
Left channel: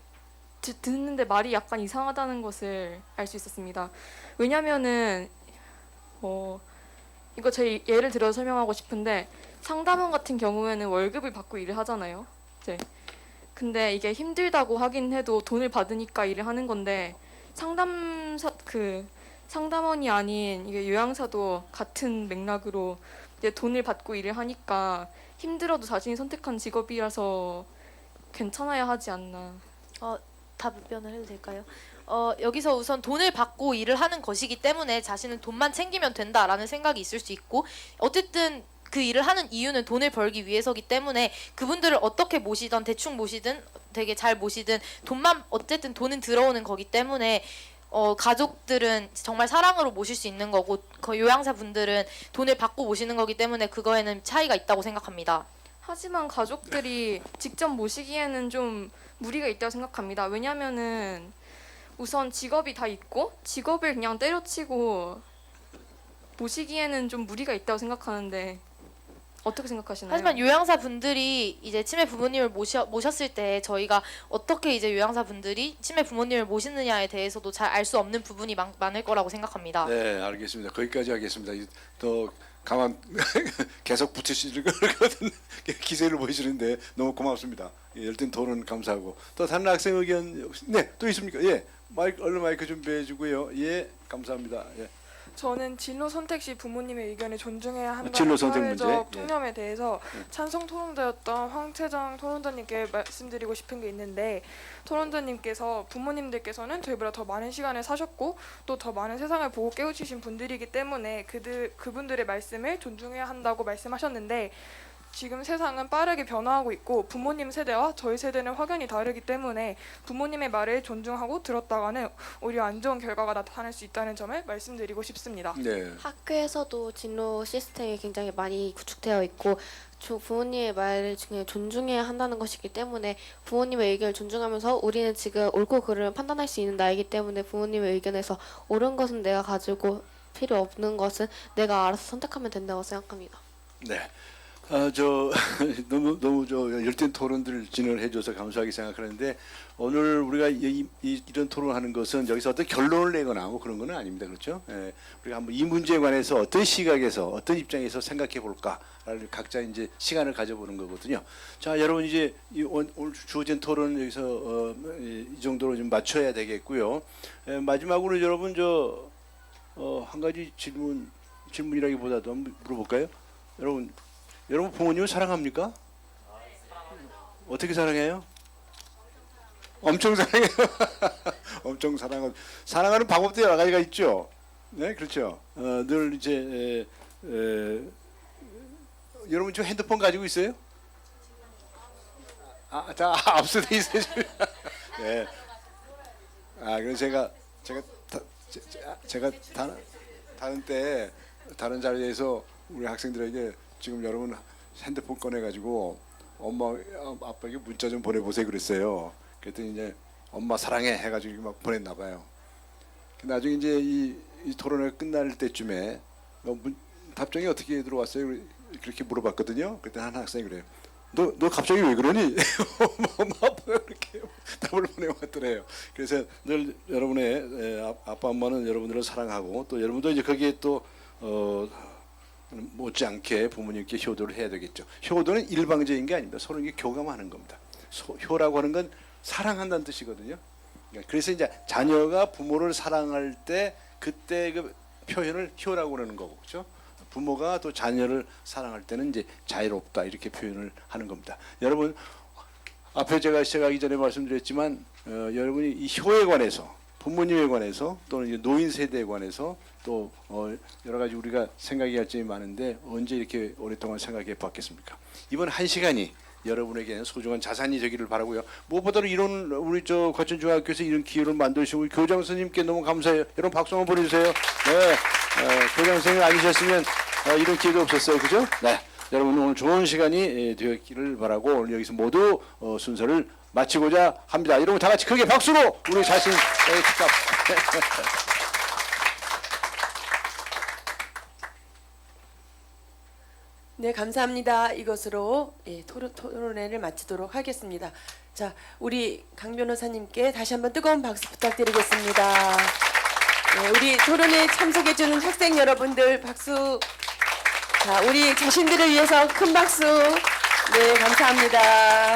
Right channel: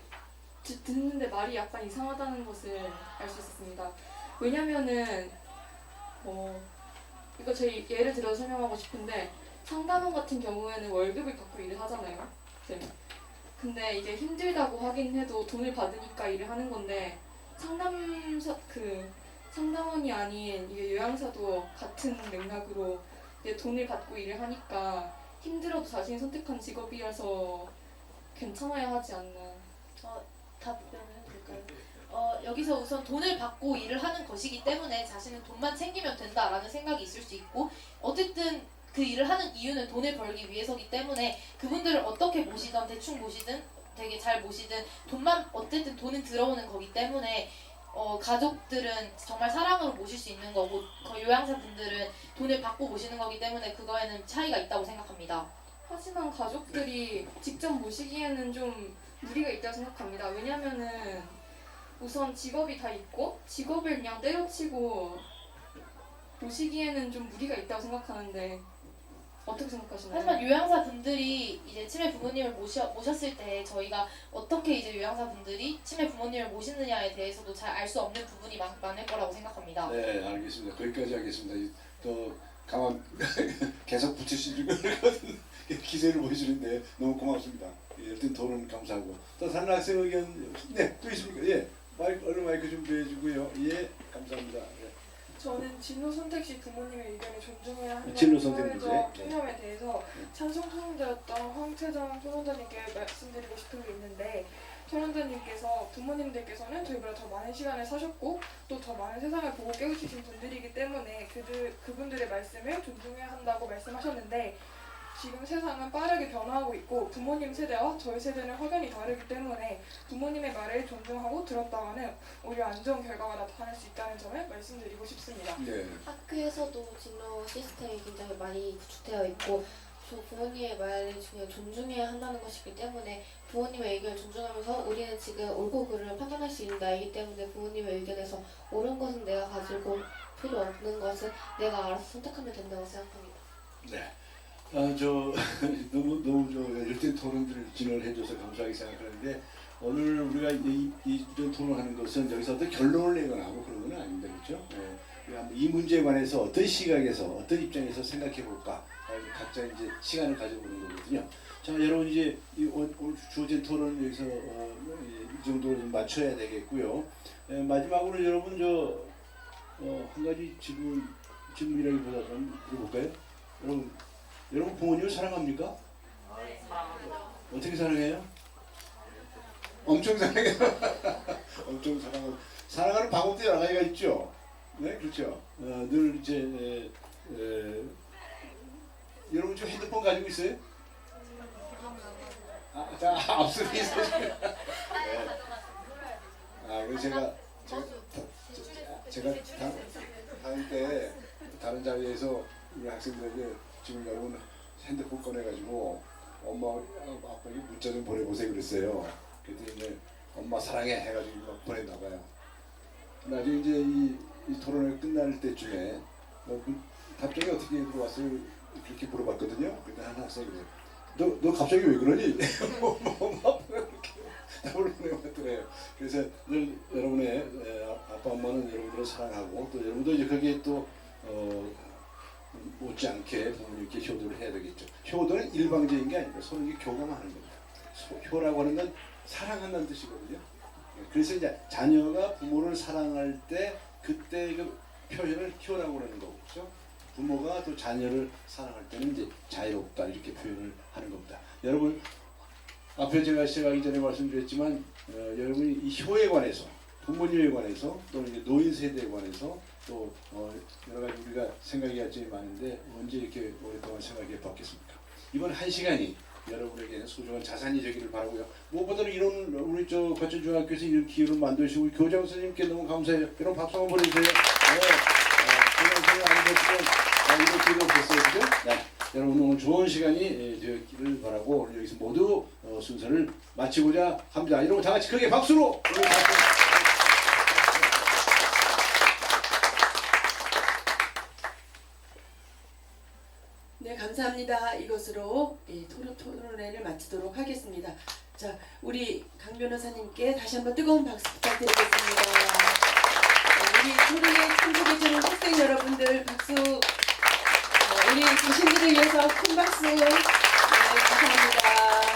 듣는데 말이 약간 이상하다는 것을 알 수 있었습니다. 왜냐면은 이거 제 예를 들어서 설명하고 싶은데 상담원 같은 경우에는 월급을 받고 일을 하잖아요. 네. 근데 이게 힘들다고 하긴 해도 돈을 받으니까 일을 하는 건데 상담원이 아닌 이게 요양사도 같은 맥락으로 이제 돈을 받고 일을 하니까 힘들어도 자신이 선택한 직업이라서 괜찮아야 하지 않나. 답변을 해도 될까요? 여기서 우선 돈을 받고 일을 하는 것이기 때문에 자신은 돈만 챙기면 된다라는 생각이 있을 수 있고 어쨌든 그 일을 하는 이유는 돈을 벌기 위해서기 때문에 그분들을 어떻게 모시든 대충 모시든 되게 잘 모시든 어쨌든 돈은 들어오는 거기 때문에 가족들은 정말 사랑으로 모실 수 있는 거고 요양사 분들은 돈을 받고 모시는 거기 때문에 그거에는 차이가 있다고 생각합니다. 하지만 가족들이 직접 모시기에는 좀 무리가 있다고 생각합니다. 왜냐면은 우선 직업이 다 있고 직업을 그냥 때려치고 모시기에는 좀 무리가 있다고 생각하는데 어떻게 생각하시나요? 하지만 요양사 분들이 이제 치매 부모님을 모셨을 때 저희가 어떻게 이제 요양사 분들이 치매 부모님을 모시느냐에 대해서도 잘 알 수 없는 부분이 많을 거라고 생각합니다. 네, 알겠습니다. 거기까지 하겠습니다. 더 가만 계속 붙이실 것 같은 기세를 보이시는데 너무 고맙습니다. 열띤 토론 감사하고 또 다른 학생 의견 또 있습니까? 예, 얼른 마이크 준비해 주고요. 예, 감사합니다. 예. 저는 진로 선택 시 부모님의 의견을 존중해야 진로 한다는 선택 문제. 사회적 예. 통념에 대해서 찬성 토론자였던 황채정 토론자님께 말씀드리고 싶은 게 있는데 토론자님께서 부모님들께서는 저희보다 더 많은 시간을 사셨고 또 더 많은 세상을 보고 깨우치신 분들이기 때문에 그분들의 말씀을 존중해야 한다고 말씀하셨는데 지금 세상은 빠르게 변화하고 있고 부모님 세대와 저희 세대는 확연히 다르기 때문에 부모님의 말을 존중하고 들었다가는 오히려 안 좋은 결과가 나타날 수 있다는 점을 말씀드리고 싶습니다. 네. 학교에서도 진로 시스템이 굉장히 많이 구축되어 있고 부모님의 말을 그냥 존중해야 한다는 것이기 때문에 부모님의 의견을 존중하면서 우리는 지금 옳고 그름을 판단할 수 있는 나이기 때문에 부모님의 의견에서 옳은 것은 내가 가지고 필요 없는 것은 내가 알아서 선택하면 된다고 생각합니다. 네. 너무 열띤 토론들을 진행을 해줘서 감사하게 생각하는데 오늘 우리가 이런 토론하는 것은 여기서 어떤 결론을 내거나 뭐 그런 건 아닙니다. 그렇죠? 예. 우리가 한번 이 문제에 관해서 어떤 시각에서 어떤 입장에서 생각해 볼까 각자 이제 시간을 가져보는 거거든요. 자, 여러분 이제 오늘 주어진 토론 여기서 이 정도로 좀 맞춰야 되겠고요. 마지막으로 여러분 한 가지 질문이라기보다도 한번 물어볼까요? 여러분 부모님을 사랑합니까? 어떻게 사랑해요? 엄청 사랑해요. 엄청 사랑하는 방법도 여러 가지가 있죠. 네, 그렇죠. 늘 이제 여러분 저 핸드폰 가지고 있어요? 자, 앞서돼 있어요. 네. 그래서 제가 다른 때 다른 자리에서 우리 학생들에게 지금 여러분 핸드폰 꺼내가지고 엄마 아빠에게 문자 좀 보내보세요 그랬어요. 그랬더니 이제 엄마 사랑해 해가지고 막 보냈나 봐요. 나중에 이제 이 토론회 끝날 때쯤에 답장이 어떻게 들어왔어요? 그렇게 물어봤거든요. 그때 한 학생이 그래요. 너 갑자기 왜 그러니? 엄마 아빠가 그렇게 답을 보내왔더래요. 그래서 늘 여러분의 아빠 엄마는 여러분들을 사랑하고 또 여러분도 이제 거기에 또 못지않게 부모님께 효도를 해야 되겠죠. 효도는 일방적인 게 아닙니다. 서로 이게 교감하는 겁니다. 효라고 하는 건 사랑한다는 뜻이거든요. 그래서 이제 자녀가 부모를 사랑할 때 그때 그 표현을 효라고 그러는 거고, 그렇죠? 부모가 또 자녀를 사랑할 때는 이제 자유롭다 이렇게 표현을 하는 겁니다. 여러분 앞에 제가 시작하기 전에 말씀드렸지만 여러분이 이 효에 관해서 부모님에 관해서 또는 이제 노인 세대에 관해서 또 여러 가지 우리가 생각해야 할 점이 많은데 언제 이렇게 오랫동안 생각해 봤겠습니까? 이번 한 시간이 여러분에게는 소중한 자산이 되기를 바라고요. 무엇보다도 이런 우리 과천중학교에서 이런 기회를 만드시고 교장 선생님께 너무 감사해요. 여러분 박수 한번 보내주세요. 네, 교장 선생님 아니셨으면 이런 기회가 없었어요, 그죠? 네, 여러분 오늘 좋은 시간이 되었기를 바라고 오늘 여기서 모두 순서를 마치고자 합니다. 여러분 다 같이 크게 박수로 우리 자신 축하. 네, 감사합니다. 이것으로 토론회를 마치도록 하겠습니다. 자, 우리 강 변호사님께 다시 한번 뜨거운 박수 부탁드리겠습니다. 네, 우리 토론회에 참석해주는 학생 여러분들 박수. 자, 우리 자신들을 위해서 큰 박수. 네, 감사합니다.